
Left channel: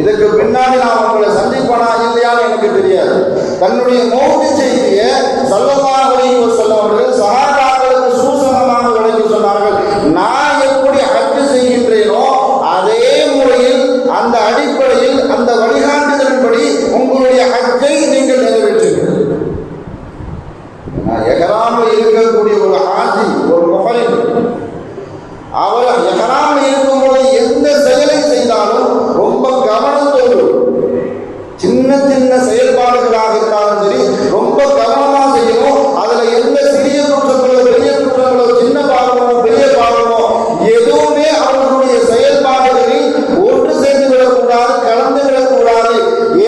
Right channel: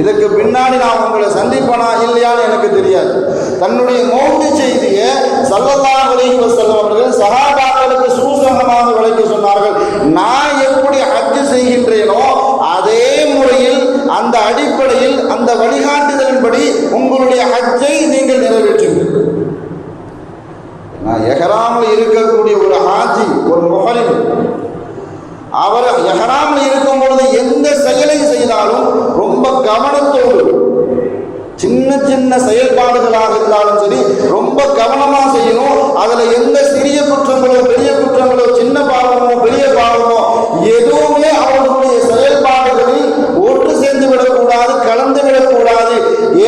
இதுக்கு பின்னாடி நான் உங்களை சந்திப்பனா இல்லையான்னு எனக்கு தெரியாது. தன்னுடைய மௌத் செய்தியை ஸல்லல்லாஹு அலைஹி வஸல்லம் அவர்கள் சஹாபாக்களுக்கு சூசகமாக விளக்கி சொன்னார்கள். நான் எப்படி ஹஜ்ஜு செய்கின்றேனோ அதே முறையில், அந்த அடிப்படையில், அந்த வழிகாட்டுதலின்படி உங்களுடைய ஹஜ்ஜை நீங்கள் நிறைவேற்றுங்கள். எஹ்ராமில் இருக்கக்கூடிய ஒரு ஹாஜி, ஒரு முஹரிம், அவர் எஹ்ராமில் இருக்கும் பொழுது எந்த செயலை செய்தாலும் ரொம்ப கவனத்தோடு, சின்ன சின்ன செயல்பாடுகளாக இருந்தாலும் சரி ரொம்ப கவனமா செய்யணும். அதுல எந்த சிறிய குற்றங்களோ பெரிய குற்றங்களோ, சின்ன பாவமோ பெரிய பாவமோ எதுவுமே அவர்களுடைய செயல்பாடுகளில் ஒன்று சேர்ந்து விடக்கூடாது, கலந்து விடக்கூடாது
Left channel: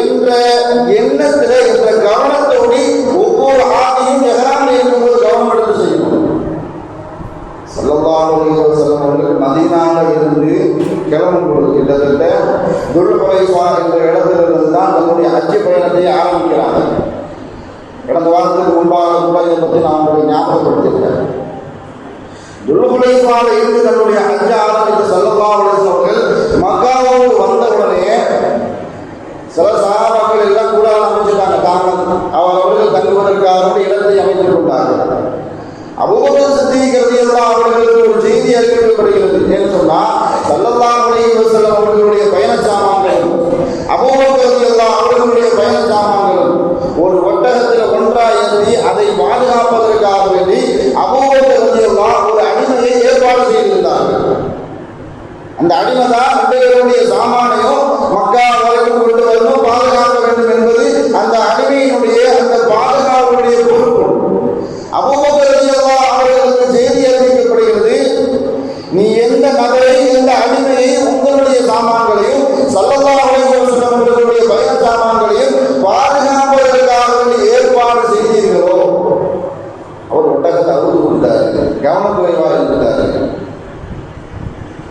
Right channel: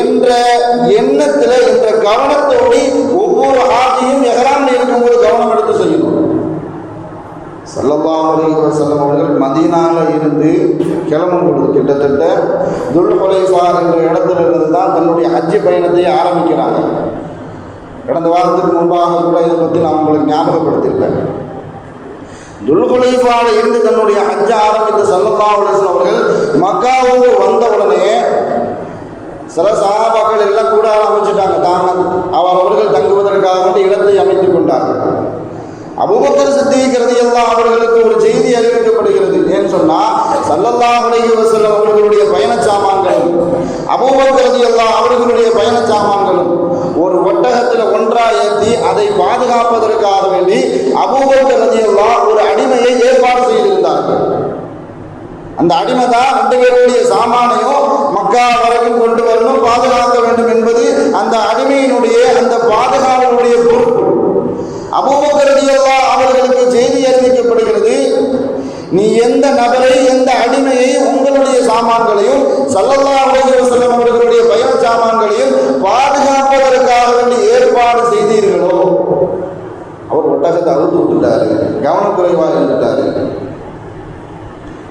என்ற எண்ணத்தில், என்ற கவனத்தோடு ஒவ்வொரு ஹாஜியும் எஹ்ராமில் இருக்கும்போது கவனம் எடுத்து செய்யணும். ஸல்லல்லாஹு அலைஹி வஸல்லம் அவர்கள் மதீனாவில் இருந்து கிளம்பும் பொழுது கிட்டத்தட்ட துல்ஹுலைஃபா என்ற இடத்திலிருந்து தான் தன்னுடைய ஹஜ்ஜு பயணத்தை ஆரம்பிக்கிறாங்க. கடந்த வாரத்துக்கு முன்பாக கூட இதை பற்றி நான் உங்களுக்கு ஞாபகப்படுத்தியிருக்கேன். துல்ஹுலைஃபாவில் இருந்து தன்னுடைய ஹஜ்ஜை ஆரம்பித்த ஸல்லல்லாஹு அலைஹி வஸல்லம் அவர்கள் மக்காவோடு வந்தவுடனே சில சஹாபாக்கள் எல்லாம் கூட ஆரம்பிச்சுட்டாங்க. அவர்கள் தங்குவதற்காக இடத்தை அமைத்துக் கொண்டார்கள். அபூபக்கர் சித்தீக் ரலியல்லாஹு அவர்களுக்கு ஒரு செய்தி அறிவிக்கப்படுகிறது. ஏன்னு சொன்னா, ஸல்லல்லாஹு அலைஹி வஸல்லம் அவர்களுடைய பயண சாமான்களும் அபூபக்கர் ரலியல்லாஹு அவர்களுடைய பயண சாமான்களும் ஒரு ஒட்டகத்தில் ஒன்றாக ஏற்றி அதை பாதுகாப்பதற்காக வேண்டி அபூபக்கர் ரலியல்லாஹு ஒரு அடிமையை ஏற்பாடு செய்திருந்தார்கள். அந்த அடிமை தான் ரெண்டு பேருடைய சாமானையும் மக்கா வரைக்கும் கொண்டு வரணும், பாதுகாக்க வேண்டும் என்பது அந்த அடிமையினுடைய, அந்த பாதுகாப்புடைய பொறுப்பு. அபூபக்கர் ரலியல்லாஹு அவர்களுக்கு செய்தி அறிவிக்கப்படுகிறது, நீ எந்த நபரை, எந்த அடிமையை உங்களுடைய சாமான்களையும் கவனக்குறைவாக இருந்துட்டாரு.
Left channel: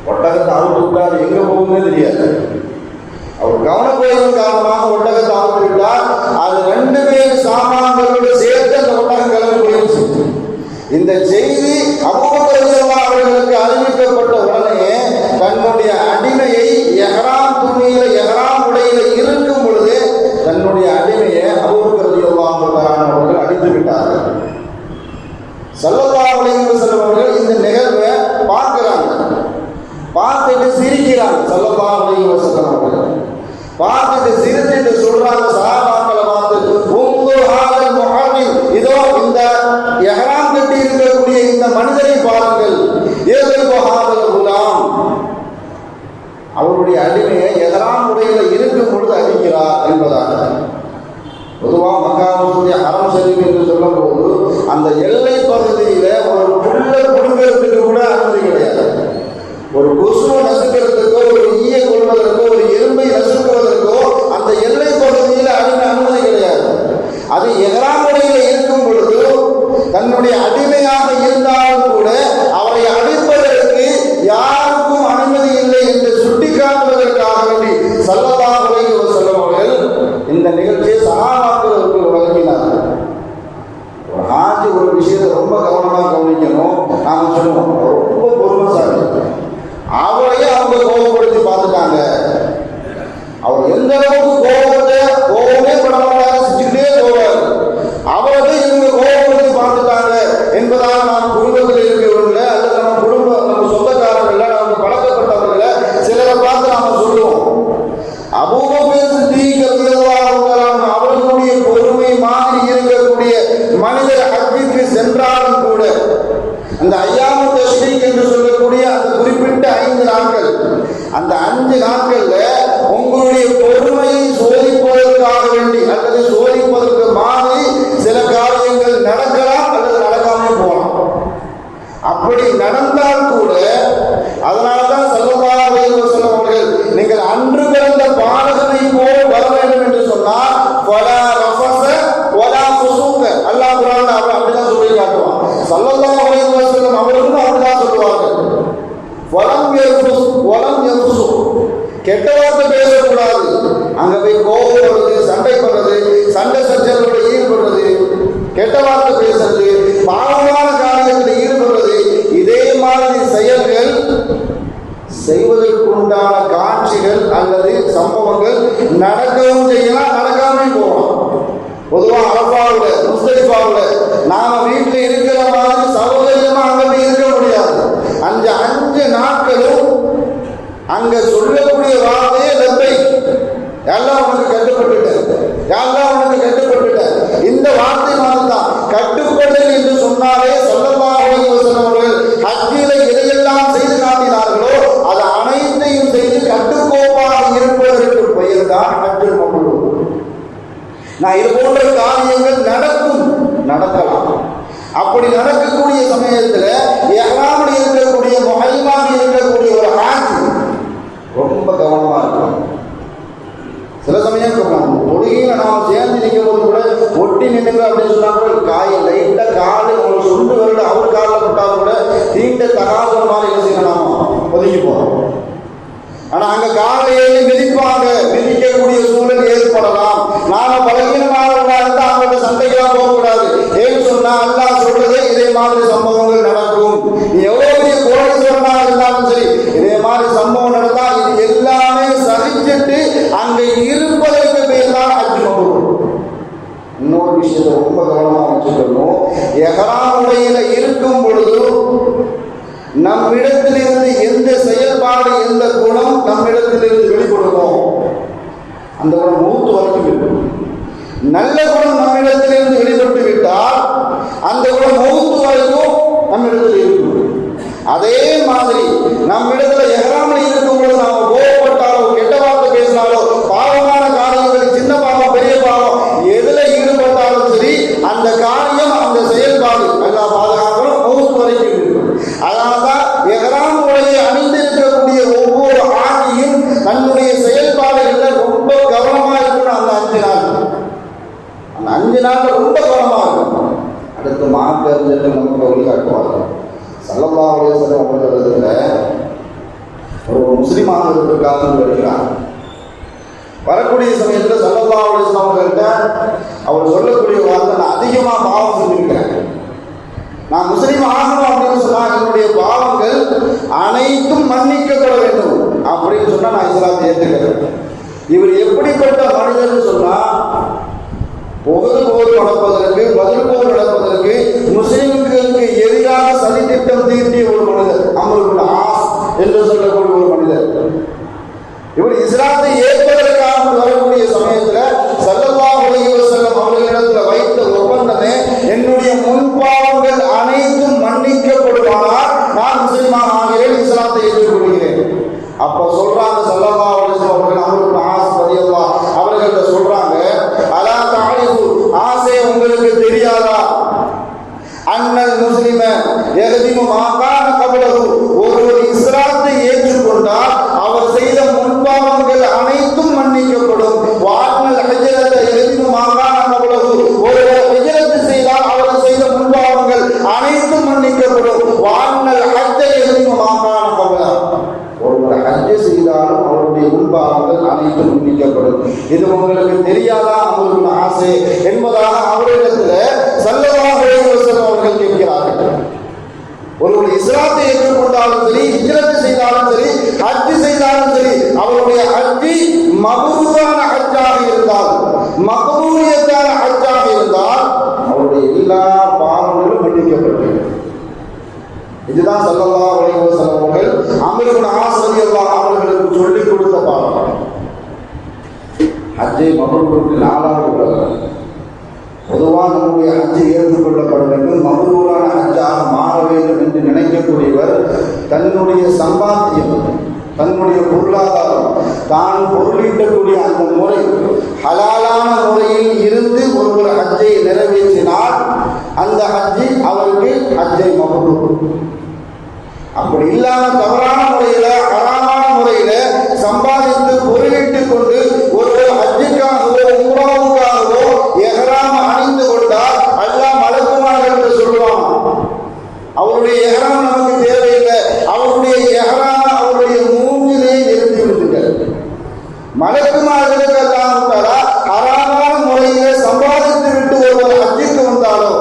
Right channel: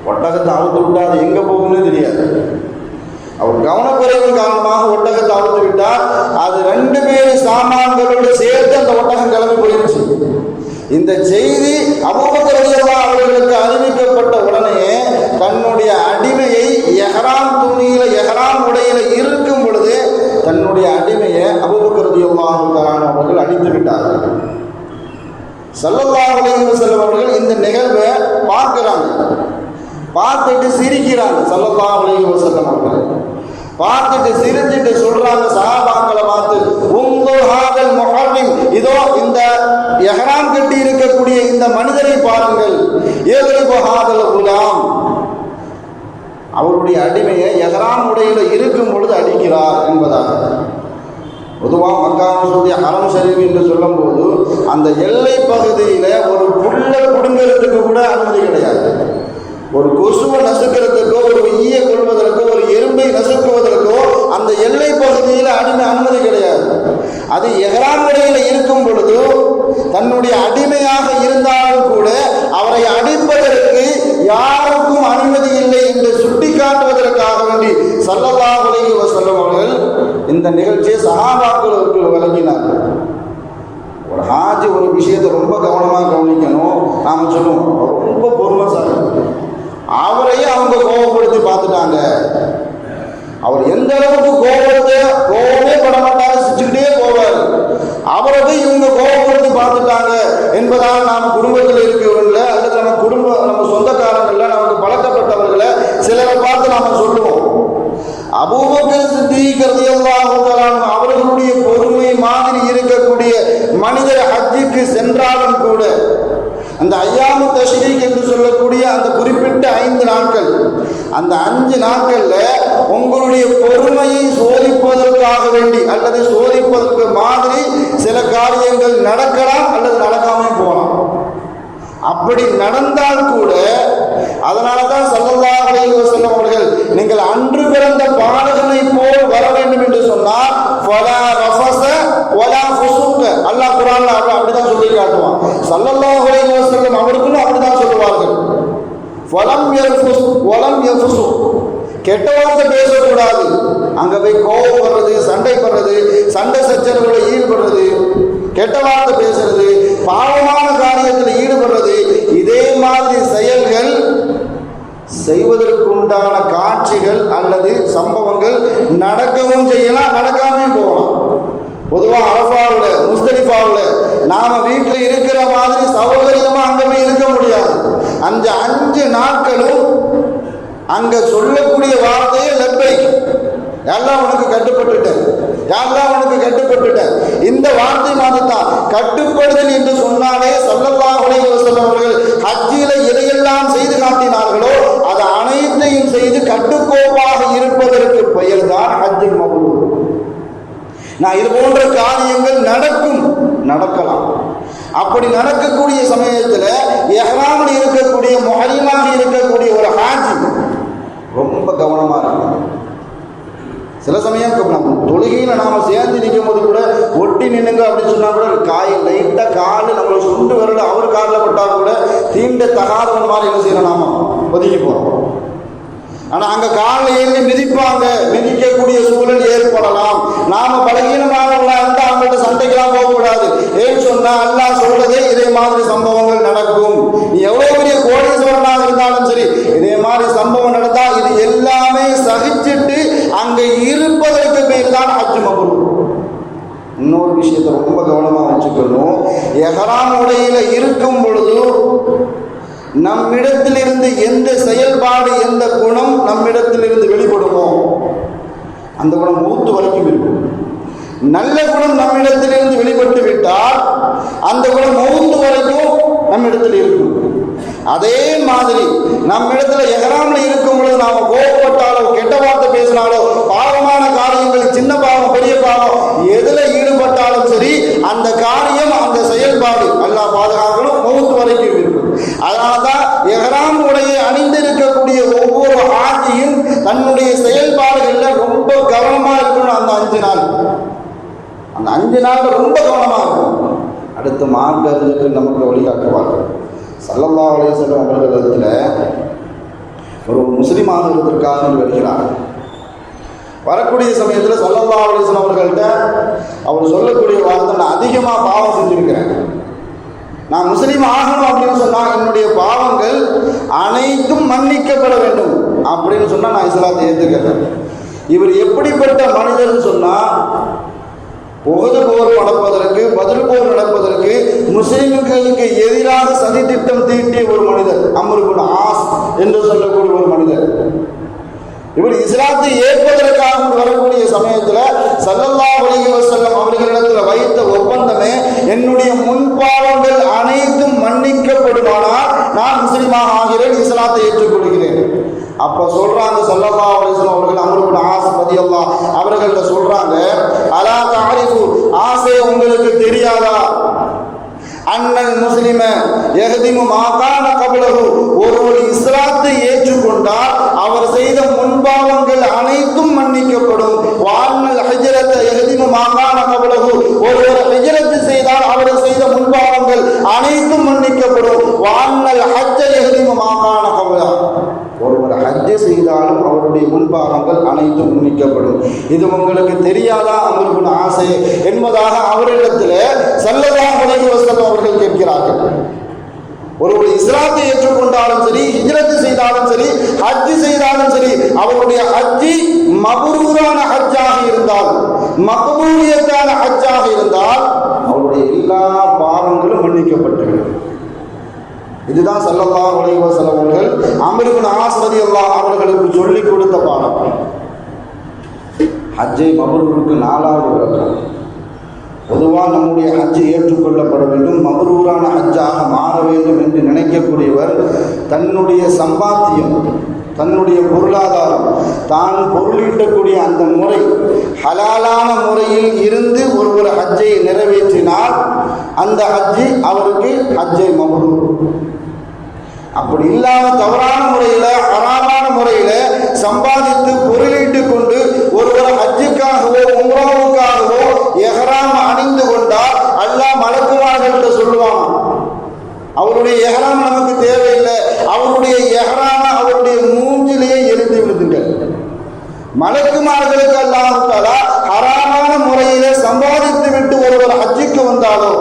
ஒட்டகத்தை அவுத்து விட்டா அது எங்கே போகும்னு தெரியாது. அவர் கவனக்குறைவின் காரணமாக ஒட்டகத்தை அவுத்து விட்டார். அது 2 சாமான்களோடு சேர்த்து அந்த ஒட்டகம் கிளம்பி போயிடுச்சு. இந்த செய்தி அபூபக்கர் ரலியல்லாஹு அவர்களுக்கு அறிவிக்கப்பட்ட உடனே தன்னுடைய அடிமையை இஹ்ராம் துணியில இஹ்ராம் உடையில இருக்கும் பொழுது தன்னுடைய அடிமையை அபூபக்கர் ரலியல்லாஹு அவர்கள் அடித்து விட்டார்கள். ஸல்லல்லாஹு அலைஹி வஸல்லம் அவர்கள் இந்த நிகழ்வை பார்க்கிறாங்க, பார்த்துட்டு சிரிக்கிறாங்க. ஸல்லல்லாஹு அலைஹி வஸல்லம் அவர்கள் பார்த்துட்டு சிரிச்சுட்டு சொல்றாங்க சஹாபாக்களை பார்த்து, உம்துர் ஹாதல் முஹர்ரிம், இதோ இந்த இஹ்ராம் கட்டி இருக்கக்கூடிய இந்த மனிதரை பாருங்கள், யத்ரிபு ஹாதல் குலாம், அவருடைய அடிமையை இஹ்ராம் உடையில இருக்கும் பொழுது அடிக்கிறார் என்பதாக. பொதுவாக மக்கா மசூதி ஹரம் ஷரீஃப் என்று சொல்லும் போது அந்த எல்லை பகுதியில ஒரு புல்ல குடும்பத்துக்கு கூட அனுமதி கிடையாது. ஒரு கொசுவை நசுக்கிறதுக்கோ, ஒரு ஈயை கொள்வதற்கோ, ஒரு எறும்பை நசுக்குவதற்கோ அந்த எல்லை பகுதியில் அனுமதி கிடையாது. அது இஹ்ராம் உடையில இருக்கும் பொழுது தன்னுடைய அடிமையாக இருந்தாலும் கூட அவரை அடிப்பதற்கு யாருக்கும் அனுமதி இல்லை என்று சுட்டிக்காட்டுவதற்காக வேண்டி ஸல்லல்லாஹு அலைஹி வஸல்லம் அவர்கள் இந்த நிகழ்ச்சியை சஹாபாக்களுக்கு வழங்கினார்கள். ஒரு ஹாஜி ஒரு விஷயத்தை ரொம்ப கவனமாக கவனிக்கணும். நாங்கள் சொல்லுவோம் ரொம்ப பொறுமைசாலி, அவரையே அவங்க கோபப்படுத்தி பார்த்துட்டாங்க. அவர் எந்த அளவுக்கு கோபமே பண்ண மாட்டாங்க, சிரிச்சுக்கிட்டே போவார். அவரை போய் இவங்க கோபப்படுத்தி பார்த்துட்டாங்க என்பதாக நாம் குடும்பத்தில் இருக்கிறவர்கள அல்லது நம்ம சொந்தக்காரர்கள நமக்கு பழக்கப்பட்டவர்கள சிலரை பார்த்து நாம சொல்லுவோம். அபூபக்கர் சித்தீக் ரலியல்லாஹு அன்ஹு அவர்களுடைய பொறுமை மாதிரி இருக்கக்கூடிய மனிதர் ஹஜ்ஜுக்கு சென்றாலும் கூட அந்த ஐயாமு தஷ்ரீக் என்று சொல்லக்கூடிய அந்த குறிப்பிட்ட 5 நாட்கள், அந்த 5 நாட்கள்ல உங்களுடைய பொறுமையை சோதிப்பதற்காக வேண்டி அல்லது சோதிப்பதற்கு மாதிரி சில காரியங்கள் நடக்கலாம் அல்லது நடக்காமல் போகலாம். அப்படி நடந்தால் கூட அதனால்தான் ஸல்லல்லாஹு அலைஹி வஸல்லம் அவர்கள் நீங்கள் அன்று பிறந்த பாலகனை போல் வர வேண்டும் என்று சொன்னால் ஃபலா ரஃபஸ வலா ஃபுசூக, அல்லாஹ் குர்ஆன்ல அப்படிதான் சொல்லி காட்டுவான். ஸல்லல்லாஹு அலைஹி வஸல்லம் அவர்களும் அப்படிதான் சொல்லுவார்கள். வலம் யஃபுஸ் வலம் யஃபுசு, கெட்ட வார்த்தை பேசக்கூடாது. அங்க போய் கோபம் வர்றது, சண்டை போடுறது, சண்டை சச்சரவுல ஈடுபடுறது, கெட்ட வார்த்தை பேசுறது, பாவமான காரியத்தில் ஈடுபடுறது, இதே மாதிரி செயல்கள் செய்வதற்குண்டான காட்சிகள் அல்லது சம்பவங்கள் நடக்கவும் செய்யலாம், நடக்காம போகலாம். பொதுவாக அரஃபாவுல முஸ்தலிஃபாவுல நாம வீட்டில் இருக்கிற மாதிரி சௌகரியமா அங்க போய் இருக்க முடியாது. அந்த 5 நாட்களும் அங்க சொல்லக்கூடிய வார்த்தையே லப்பை, எல்லாம் உனக்கு கட்டுப்பட்டுட்டேன், எல்லாம் உனக்கு கட்டுப்பட்டுட்டேன். இந்த வார்த்தை தான் கட்டுப்படுதல் என்று சொன்னாலே ஸல்லல்லாஹு அலைஹி வஸல்லம் அவர்கள் ஹஜ்ஜில எதையெல்லாம் செய்து காட்டினார்களோ அது அனைத்தையும் செய்து கட்டுக்கோப்பாக இருப்பதற்கு பெயர் தான் ஹஜ்ஜுல் மப்ரூர். நான் இது போன்ற காரியங்கள் நடக்கலாம். அப்படி நடக்கக்கூடிய சமயத்தில் இஹ்ராமில் இருக்கக்கூடிய முஹல்லிமாக இருக்கக்கூடிய ஒரு ஹாஜி ரொம்ப கவனமா இருக்கும். சில சமயம் தொழுகையில் நாம சேர்ந்து நிற்கும் போது கூட ஒட்டி நின்னுங்க அப்படின்னு சொன்னா கூட லைட்டா காலு நம்ம சுண்டு வரல அவர் காலில் பட்டா கூட தீண்ட தகாத மாதிரி என்ன செய்யணும், நாம ஒதுக்கிப்போம். ஆனா அங்க காலை ஏறி மிதிப்பாங்க, மிதிக்கக்கூடிய சூழல் ஏற்படலாம். நாம பலகீனமாக இருந்தா அவங்கள்ட்ட சண்டைக்கெல்லாம் போகக்கூடாது. ஏன்னு சொன்னா அல்லாஹ் சொல்றதே இதே மாதிரி சம்பவங்கள் நடக்கும். நீ எவ்வளவு பெரிய கோடீஸ்வரனாக இருந்தாலும் சரி, இதே மாதிரி சம்பவம் நடந்தா இது எல்லாமே சகிச்சுட்டு அங்க இருப்பதற்கு பேர் தான் ஹஜ் மப்ரூர். இன்னொரு விஷயத்தை ரொம்ப கவனமா வச்சுக்கணும். இஹ்ராம் உடையில இருக்கும் பொழுது நம்மிடத்திலிருந்து எந்த செயல்பாடு, எந்த குணம் நம்மிடத்திலிருந்து வெளிப்படுமோ அந்த குணம் மூத்து வரைக்கும் இருக்கும். நல்ல குணம் நம்மிடத்திலிருந்து வெளிப்பட்டு விட்டால் அந்த குணம் மூத்து வரைக்கும் நம்மிடத்தில் இருக்கும். அதே மாதிரி நம்மிடத்துல இஹ்ராமில் இருக்கும் பொழுது நாம கோபப்பட்டாலோ, கெட்ட வார்த்தை பேசினாலோ, பாவமான காரியங்கள், சின்ன பாவம் பெரிய பாவம் எதுல ஈடுபட்டாலும் சரி அந்த காரியம், அந்த செயல்பாடு அல்லாஹ் பாதுகாக்கணும், மூத்து வரைக்கும் இருக்கும். அதனால்தான் இஹ்ராம் உடையை அணிந்திருக்கக்கூடிய ஒவ்வொரு ஆட்சியும் தன்னுடைய செயல்பாடுகள்ல ரொம்ப கவனமா இருக்கணும். அந்த 5 நாள், அந்த 5 நாள் ரொம்ப கவனமா இருக்கும். அடுத்த மார்க்க அறிஞர்கள் நமக்கு வழிகாட்டுவார்கள். ஸல்லல்லாஹு அலைஹி வஸல்லம் அவர்களிடத்துல ஒரு முஸ்லீம் ஆகிறதுக்காக வருகிறார். வரக்கூடிய சமயத்தில் ஸல்லல்லாஹு அலைஹி வஸல்லம் அவர்கள்ட்ட அவர் சொல்லக்கூடிய வார்த்தை, நான் அதிகமாக பாவம் செஞ்சிருக்கிறேன், நான் முஸ்லீம் ஆகணும் அப்படின்னு சொன்னால் என்னுடைய பாவங்கள் அனைத்தும் மன்னிக்கப்பட வேண்டும் அப்படின்னு சொன்னால் நான் இஸ்லாத்தை ஏற்றுக்கிறேன். இவர் எப்படிப்பட்ட மனிதர்னு சொன்னால், உஹது போர் நடப்பதற்கு, பதில் போர் நடப்பதற்கு முஸ்லிம்களுக்கு எதிராக சதி திட்டம் தீட்டிய ஒரு மனிதர், அம்ர் இப்னு ஆஸ் என்று சொல்லக்கூடிய ஒரு மனிதர். இவர் இஸ்லாத்தை ஏற்பதற்காக வரக்கூடிய சமயத்தில் ஸல்லல்லாஹு அலைஹி வஸல்லம் அவர்களிடத்தில் வைத்த ஒப்பந்தமே, என்னுடைய முன்பாவங்கள் அனைத்தும் மன்னிக்கப்படுவானால் நான் முஸ்லிமாக ஆகிறேன், இஸ்லாத்தை ஏற்றுக்கொள்கிறேன். அப்ப சொல்றாங்க ஸல்லல்லாஹு அலைஹி வஸல்லம் அவர்கள் அம்ர் இப்னு ஆஸ் ரலியல்லாஹு அவர்கள்ட்ட சொல்றாங்க, அலா தஅரிஃபு, ஆசை உங்களுக்கு தெரியாதா, அன்னல் முஸ்லிம யஹ்திமு மா கான கப்லஹு, ஒருவர் இஸ்லாத்தை ஏற்றுக்கொண்டால் அவர் செய்த முன்பாவங்கள் அனைத்தும் மன்னிக்கப்படும். வான்னல் ஹஜ்ரத யஹ்திமு மா கான கப்லஹு, ஒருவர் ஹஜ்ரத் செய்தால் அவர் செய்த முன்பாவங்கள் அனைத்தும் மன்னிக்கப்படும். வான்னல் ஹஜ்ஜ யஹ்திமு மா கான கப்லஹு, ஒருவர் ஹஜ் செய்தாலும் அவருடைய முன்பாவங்கள் அனைத்தும் மன்னிக்கப்படும். இது உங்களுக்கு தெரியாதா உங்களுக்கு ஆசை என்பதாக அவரிடத்தில் ஸல்லல்லாஹு அலைஹி வஸல்லம் அவர்கள் கேட்கிறார்கள். ஒருவர் இஸ்லாத்தை ஏற்றுக்கொண்டாலும் சரி, ஹிஜ்ரத் செய்தாலும் சரி, ஹஜ் செய்தாலும் சரி, அவருடைய ஹஜ்ஜி மப்ரூரான ஹஜ்ஜாக இருந்தால், மக்பூலியத்தான ஹஜ்ஜாக இருந்தால் அவருடைய எல்லா பாவங்களும் மன்னிக்கப்பட்டுவிடும். இதுதான் ஸல்லல்லாஹு அலைஹி வஸல்லம் அவர்கள் அம்ர் இப்னு ஆஸ் ரலியல்லாஹு அவர்களுக்கு சொல்லிக் கொடுத்த பாடம். ஹஜ்ஜை மப்ரூருக்கு 4வது பிரகாரம். பொதுவாக நம்முடைய ஹஜ்ஜை ஏற்றுக்கொள்ளப்பட வேண்டும், மப்ரூரான ஹஜ்ஜாக மாற வேண்டும் என்று நினைக்கக்கூடியவர் தன்னுடைய சம்பாத்தியம், தன்னுடைய பொருளாதாரம், தான் பொருளீட்டக்கூடிய அந்த முறை ஹலாலான முறையில் இருந்து ஒருவர் ஹஜ்ஜை நிறைவேற்றினால் அந்த ஹஜ்ஜி அவருக்கு ஹஜ்ஜை மப்ரூர். அப்படி இல்லாம தவறான முறையில, ஹராமான முறையில சம்பாதித்து பொருளீட்டு கொண்டு ஒருவர் ஹஜ்ஜுக்காகவோ உம்ராவுக்காகவோ எஹ்ராம் அணிந்து கொண்டால் அல்லாஹ் மலக்குமார்கள் சொல்லுவான், அவருடைய எஹ்ராம் நமக்கு தேவையில்லை, அவருடைய எஹ்ராம் அவருடைய மூஞ்சிலே எரிந்து விடுங்கள். மலக்குமார்களுக்கு அல்லாஹ் தஆலா ஹராமான முறையிலே சம்பாதித்து விட்டு ஒருவர் ஹஜ்ஜுக்கு வந்தாலோ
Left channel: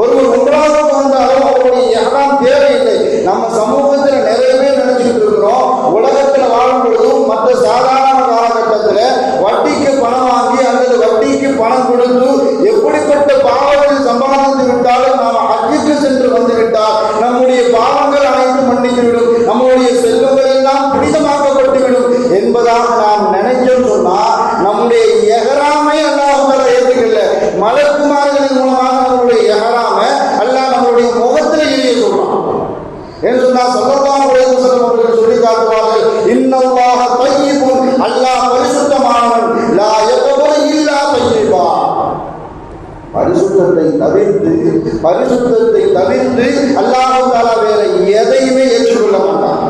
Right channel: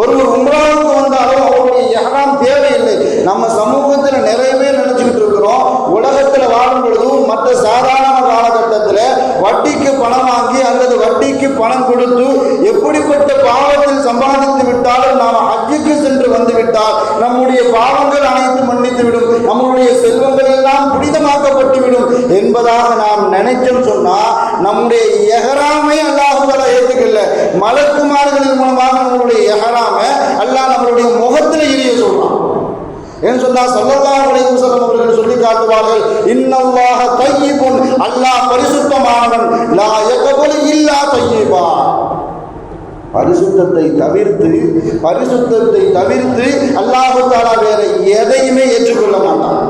ஒருவர் உம்ராவுக்கு வந்தாலோ அவருடைய எஹ்ராம் தேவையில்லை. நம்ம சமூகத்தில் நிறைய பேர் நினைச்சுக்கிட்டு இருக்கிறோம், உலகத்தில் வாழும் பொழுது மற்ற சாதாரண காலகட்டத்தில் வட்டிக்கு பணம் வாங்கி அல்லது வட்டிக்கு பணம் கொடுத்து எப்படிப்பட்ட பாவத்தில் சம்பாதித்து விட்டாலும் நாம் ஹஜ்ஜுக்கு சென்று வந்துவிட்டால் நம்முடைய பாவங்கள் அனைத்தும் மன்னித்துவிடும், நம்முடைய செல்வங்கள் எல்லாம் புனிதமாக்கப்பட்டுவிடும் என்பதாக நாம் நினைச்சோம் சொன்னா நம்முடைய எஹ்ராமை அல்லாஹ் தஆலா ஏற்றுக்கல. மலக்குமார்களின் மூலமாக நம்முடைய எஹ்ராமை அல்லாஹ் நம்முடைய முகத்தில் எரிய சொல்றான். என்று சொன்னால் ஸல்லல்லாஹு அலைஹி வஸல்லம் அவர்கள் சொல்லி காட்டுவார்கள், இன்னல்லாஹ தய்யிபுன், அல்லாஹ் பரிசுத்தமானவன், லா யக்பலு இல்லா தய்யிபா. பரிசுத்தத்தை தவிர்த்து அல்லாஹ் தஆலா வேற எதையுமே ஏற்றுக்கொள்ள மாட்டான்.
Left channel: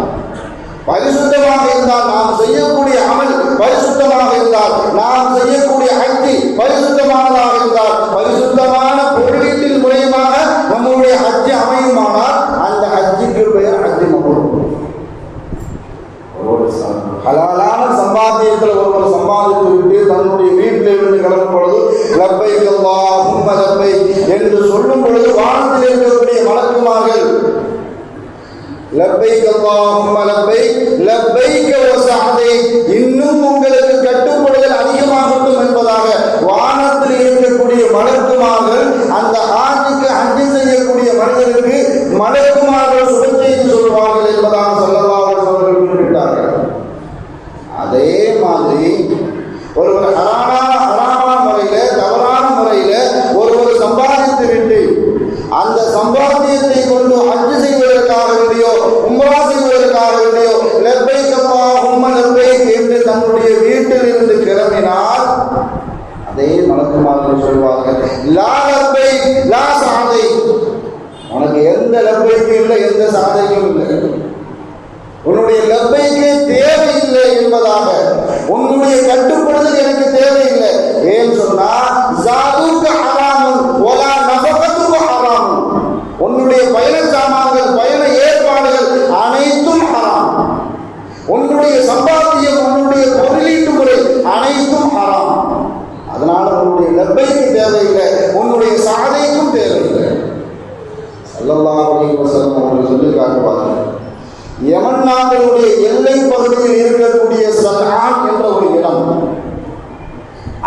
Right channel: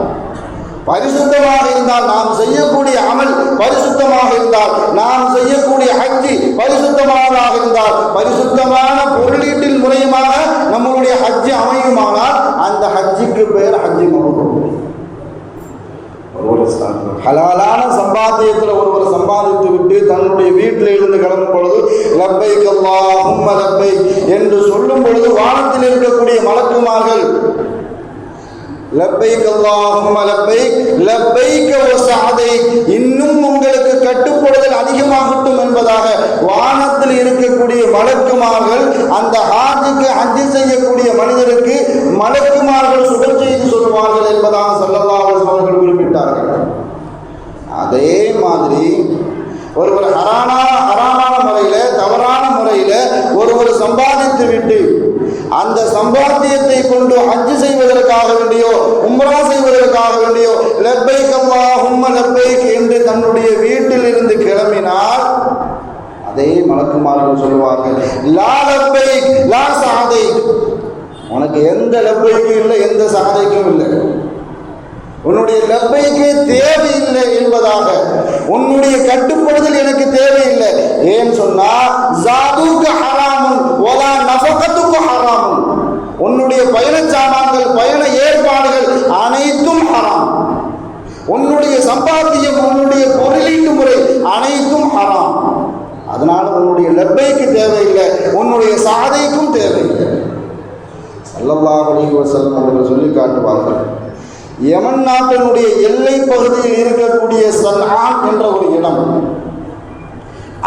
பரிசுத்தமாக இருந்தால் நாம் செய்யக்கூடிய அமல் பரிசுத்தமாக இருந்தால், நாம் செய்யக்கூடிய ஹஜ்ஜி பரிசுத்தமானதாக இருந்தால், பரிசுத்தமான பொருளீட்டின் மூலமாக நம்முடைய ஹஜ்ஜி அமையுமானால் அந்த ஹஜ்ஜிக்கு பேர் ஹஜ்ஜி மப்ரூர். ஹலாலான சம்பாத்தியத்தில் ஒருவர் சம்பாதித்து விட்டு தன்னுடைய வீட்டில் இருந்து கிளம்பும் பொழுது லப்பைக் அல்லாஹும்ம லப்பைக் என்று சொல்லும் பொழுது வானத்தில் இருக்கக்கூடிய மலக்குமார்கள் லப்பைக் அல்லாஹும்ம லப்பைக் லப்பைக் வ சஅதைக், இன்னும் உங்களுக்கு கட்டுப்படுதல் அதிகமாகட்டும் என்பதாக வானத்தில் இருக்கக்கூடிய மலக்குமார்கள் அந்த ஹாஜிக்கு ஹஜ் செய்யக்கூடிய மனிதருக்கு மலக்குமார்கள் சுப செய்தி சொல்வார்கள் என்பதாக ஸல்லல்லாஹு அலைஹி வஸல்லம் அவர்கள் குறிப்பிட்டார்கள். அதே மாதிரி ஒருவர் ஹராமான முறையில, தவறான முறையில ஒருவர் சம்பாதித்து விட்டு அந்த சம்பாத்தியத்தை கொண்டு ஹஜ் செய்வதற்காக வேண்டியோ உம்ரா செய்வதற்காக வேண்டியோ லப்பைக் அல்லாஹும்ம லப்பைக் என்று தன்னுடைய வீட்டில் இருந்து கிளம்பினார், அதே மலக்குமார்கள் சொல்வார்கள், லா லப்பைக் லா சஅதைக், உனக்கு எந்த லப்பைக்கும் இல்லை, எந்த சஅதைக்கும் இல்லை, உன்னுடைய லப்பைக்கே தேவையில்லை என்பதாக, உன்னுடைய கட்டுப்படுதல் எனக்கு தேவையில்லை. ஏன் சொன்னா ஜாதுக ஹராமுன் வலா நஃபகதுக ஹராமுன், உன்னுடைய பயண சாமான்கள் ஸல்லல்லாஹு அலைஹி வஸல்லம் அவர்கள் சொல்லி காட்டுவார்கள். யமன் நாட்டினுடைய எல்லை பகுதியில் இருக்கக்கூடிய சன்ஆன் என்ற ஒரு இடம்,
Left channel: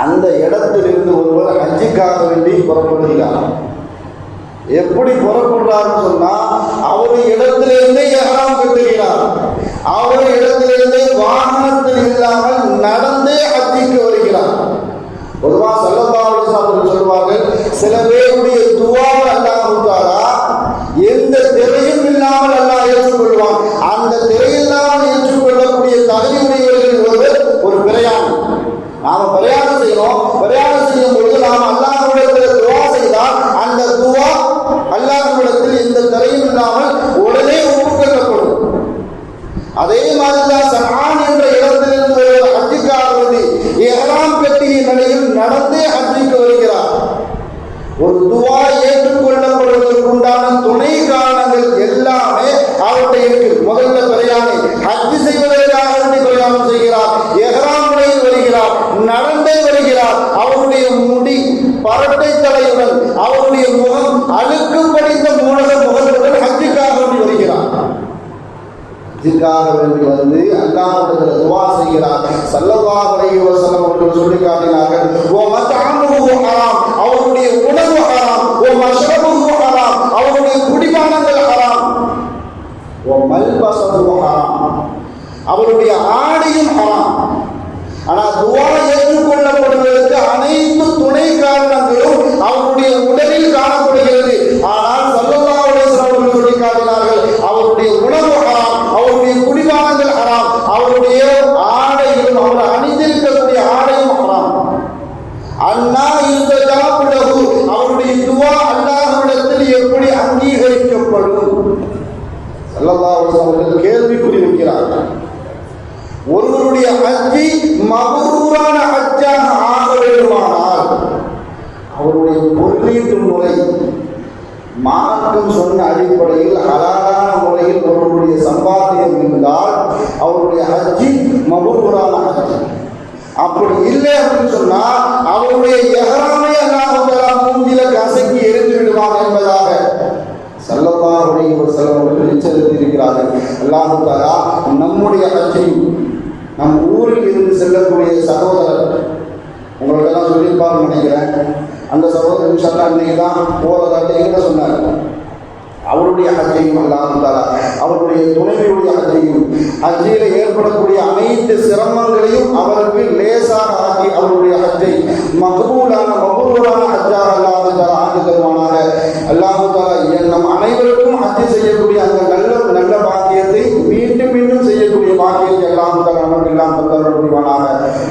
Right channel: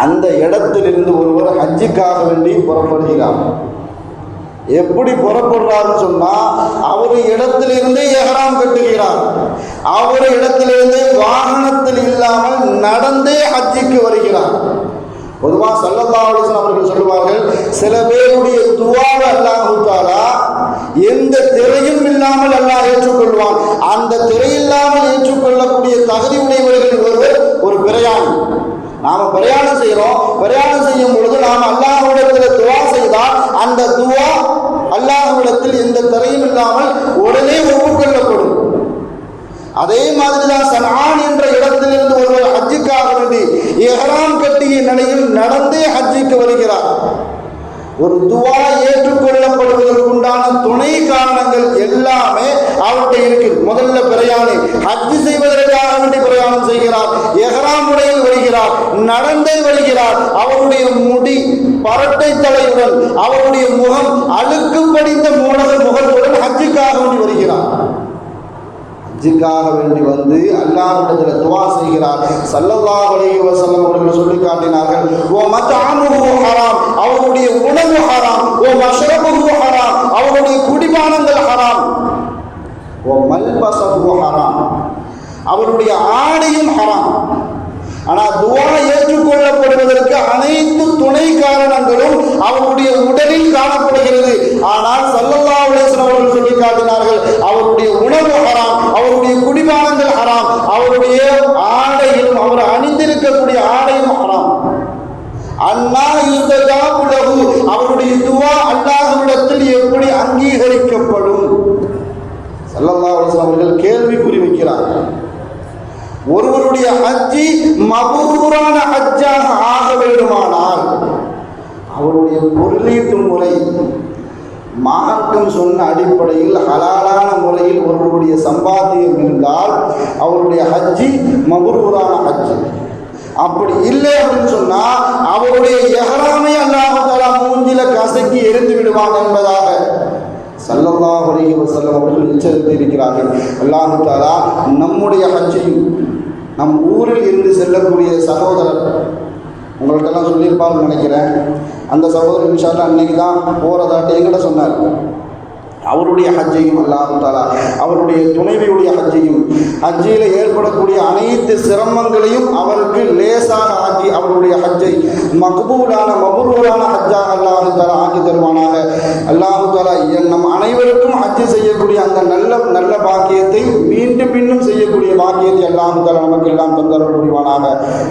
அந்த இடத்திலிருந்து ஒருவர் ஹஜ்ஜுக்காக வேண்டி புறப்படுகிறார். எப்படி புறப்படுறாருன்னு சொன்னா, அவர் இடத்திலிருந்தே இஹ்ராம் கட்டுகிறார். அவர் இடத்திலிருந்தே வாகனத்தில் இல்லாமல் நடந்தே ஹஜ்ஜுக்கு வருகிறார். பொதுவாக ஸல்லல்லாஹு அலைஹி வஸல்லம் அவர்கள் சொல்வார்கள், சில பேருடைய துஆவை அல்லாஹ் தஆலா எந்த திரையும் இல்லாமல் அல்லாஹ் ஏற்றுக்கொள்வான். அந்த திரை இல்லாமல் ஏற்றுக்கொள்ளக்கூடிய தகுதி உடையவர்கள் ஒருவர் ஒரு பிரயாணி. நாம பிரயாணம் செய்யறோம், பிரயாணம் செய்யும் பொழுது நாம் அல்லாஹ்விடத்தில் துஆ செய்தால் அந்த துஆ அல்லாஹ்விடத்தில் எந்த திரையும் இல்லாமல் உடனே ஒப்புக்கொள்ளப்படும். அதே மாதிரிதான் சன்ஆன் என்ற இடத்திலிருந்து ஒருவர் ஹஜ்ஜுக்காக வேண்டி இஹ்ராம் கட்டிய நிலையில் நடந்தே ஹஜ்ஜுக்கு வருகிறார். ஒரு துஆ ஏற்றுக்கொள்ளப்படுவதற்கு உண்டான துணை காரணங்கள் எல்லாமே அவர்கிட்ட இருக்கு. முதல்ல பிரயாணி ஹஜ் செய்வதற்காக வேண்டி பிரயாணம் செய்கிறார், இஹ்ராம் உடையில் வருகிறார், நடந்தே வருகிறார். அவருடைய முடி பரட்டை தலையுடன், அவருடைய முகம் அழுக்கு படிந்த முகத்துடன் ஹஜ்ஜுக்காக வேண்டி வருகிறார். ஹஜ்ஜுக்காக வேண்டி வந்து அல்லாஹ்விடத்தில் துஆ செய்கிறார். ஸல்லல்லாஹு அலைஹி வஸல்லம் அவர்கள் சொல்லி காட்டினார்கள், வ மத்அமுஹு ஹராம், அவருடைய உணவு ஹராம், வ மஷ்ரபுஹு ஹராம், அவருடைய குடிபானங்கள் ஹராம், வ மல்பஸுஹு ஹராம், அவருடைய ஆடையும் ஹராம். ஆனால் துஆ ஏற்றுக்கொள்ளப்படுவதற்கு அனைத்து துணை காரணங்களும் அவருடைய உடலில் காணப்படுகிறது. ஆனால் ஸல்லல்லாஹு அலைஹி வஸல்லம் அவர்கள் சொல்லி காட்டினார்கள், அவருடைய உணவு ஹராம், அவருடைய குடிபானங்கள் ஹராம், அவருடைய ஆடையிலும் அவர் அணிந்திருக்கக்கூடிய ஆடையும் ஹராம். அல்லாஹ் யுஸ்தஜாபு லஹு, அவருடைய துஆ அல்லாஹ்விடத்தில் எப்படி அங்கீகரிக்கப்படும்? ஸல்லல்லாஹு அலைஹி வஸல்லம் அவர்கள் கேள்விக்குறி வைக்கிறார்கள். ஒருவருடைய ஹஜ்ஜி மபரூரான ஹஜ்ஜாக ஆக வேண்டுமானால் அவருடைய பொருளீட்டு முறை மார்க்கம் சொன்ன அடிப்படையில் ஹலாலான முறையில் ஒருவருடைய சம்பாத்தியம் இருந்தால் அவருடைய ஹஜ்ஜி மபரூரான ஹஜ்ஜி. அப்படி இல்லை அப்படின்னு சொன்னா அவருடைய இஹ்ராமை அல்லாஹ் தஆலா மூஞ்சில கசக்கி எரிந்து விடுவாங்க என்பதாக ஸல்லல்லாஹு அலைஹி வஸல்லம் அவர்கள் எச்சரித்து இருக்கிறார்கள். அல்லாஹ் தஆலா நம்முடைய ஹஜ்ஜையும் நம் ஊரில் இருந்து செல்லக்கூடிய சகோதரர் உங்களுக்கெல்லாம் சொல்லியிருப்பான்னு நினைக்கிறேன். அந்த சகோதரர் இன்ஷா அல்லாஹ் இன்னைக்கு தான் போறதாட்ட எங்கிட்ட சொன்னார். அவருடைய ஹஜ்ஜையும் அல்லாஹ் தஆலா அவருடைய துணைவியுடைய ஹஜ்ஜையும் ஹஜ்ஜில் ஏற்படக்கூடிய அனைத்து சிரமங்களையும் அவருக்கு லேசாக ஆக்கி அவருடைய ஹஜ்ஜை மக்பூலான மபரூரான ஹஜ்ஜாக அல்லாஹ் தஆலா ஆக்கி தருவானாக. அல்லாஹ் தஆலா நம் அனைவருக்கும் ஹஜ்ஜி செய்யக்கூடிய அந்த நல்ல பாக்கியத்தை மீண்டும் மீண்டும் செய்யக்கூடிய பாக்கியத்தை அல்லாஹ் தஆலா நமக்கு எல்லாம் தந்தருள் புரிவானாக.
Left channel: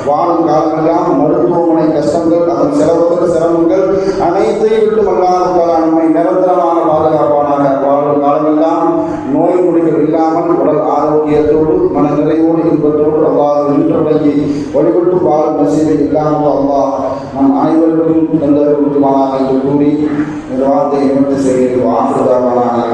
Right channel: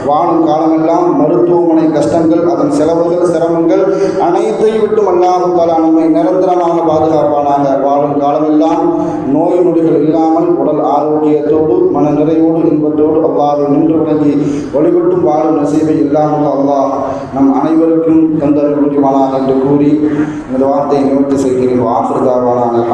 வாழும் காலமெல்லாம் மருத்துவமனை கஷ்டங்கள், அதன் செலவுகள், சிரமங்கள் அனைத்தையும் விட்டும் அல்லாஹ் தஆலா நம்மை நிரந்தரமாக பாதுகாப்பானாக. வாழும் காலமெல்லாம் நோய் நொடிகள் இல்லாமல் உடல் ஆரோக்கியத்தோடு மன நிறைவோடு இன்பத்தோடு அல்லாஹ் நின்று வழங்கி வழிபட்டும் வாழும் நசீபை இல்லாமல் அல்லாஹ் நம் அனைவருக்கும் தந்தருள் புரிவானாக என்று கூறி இந்த வார்த்தையை நிவர்த்தி செய்கிறேன். வாஃபிர் தாவானாக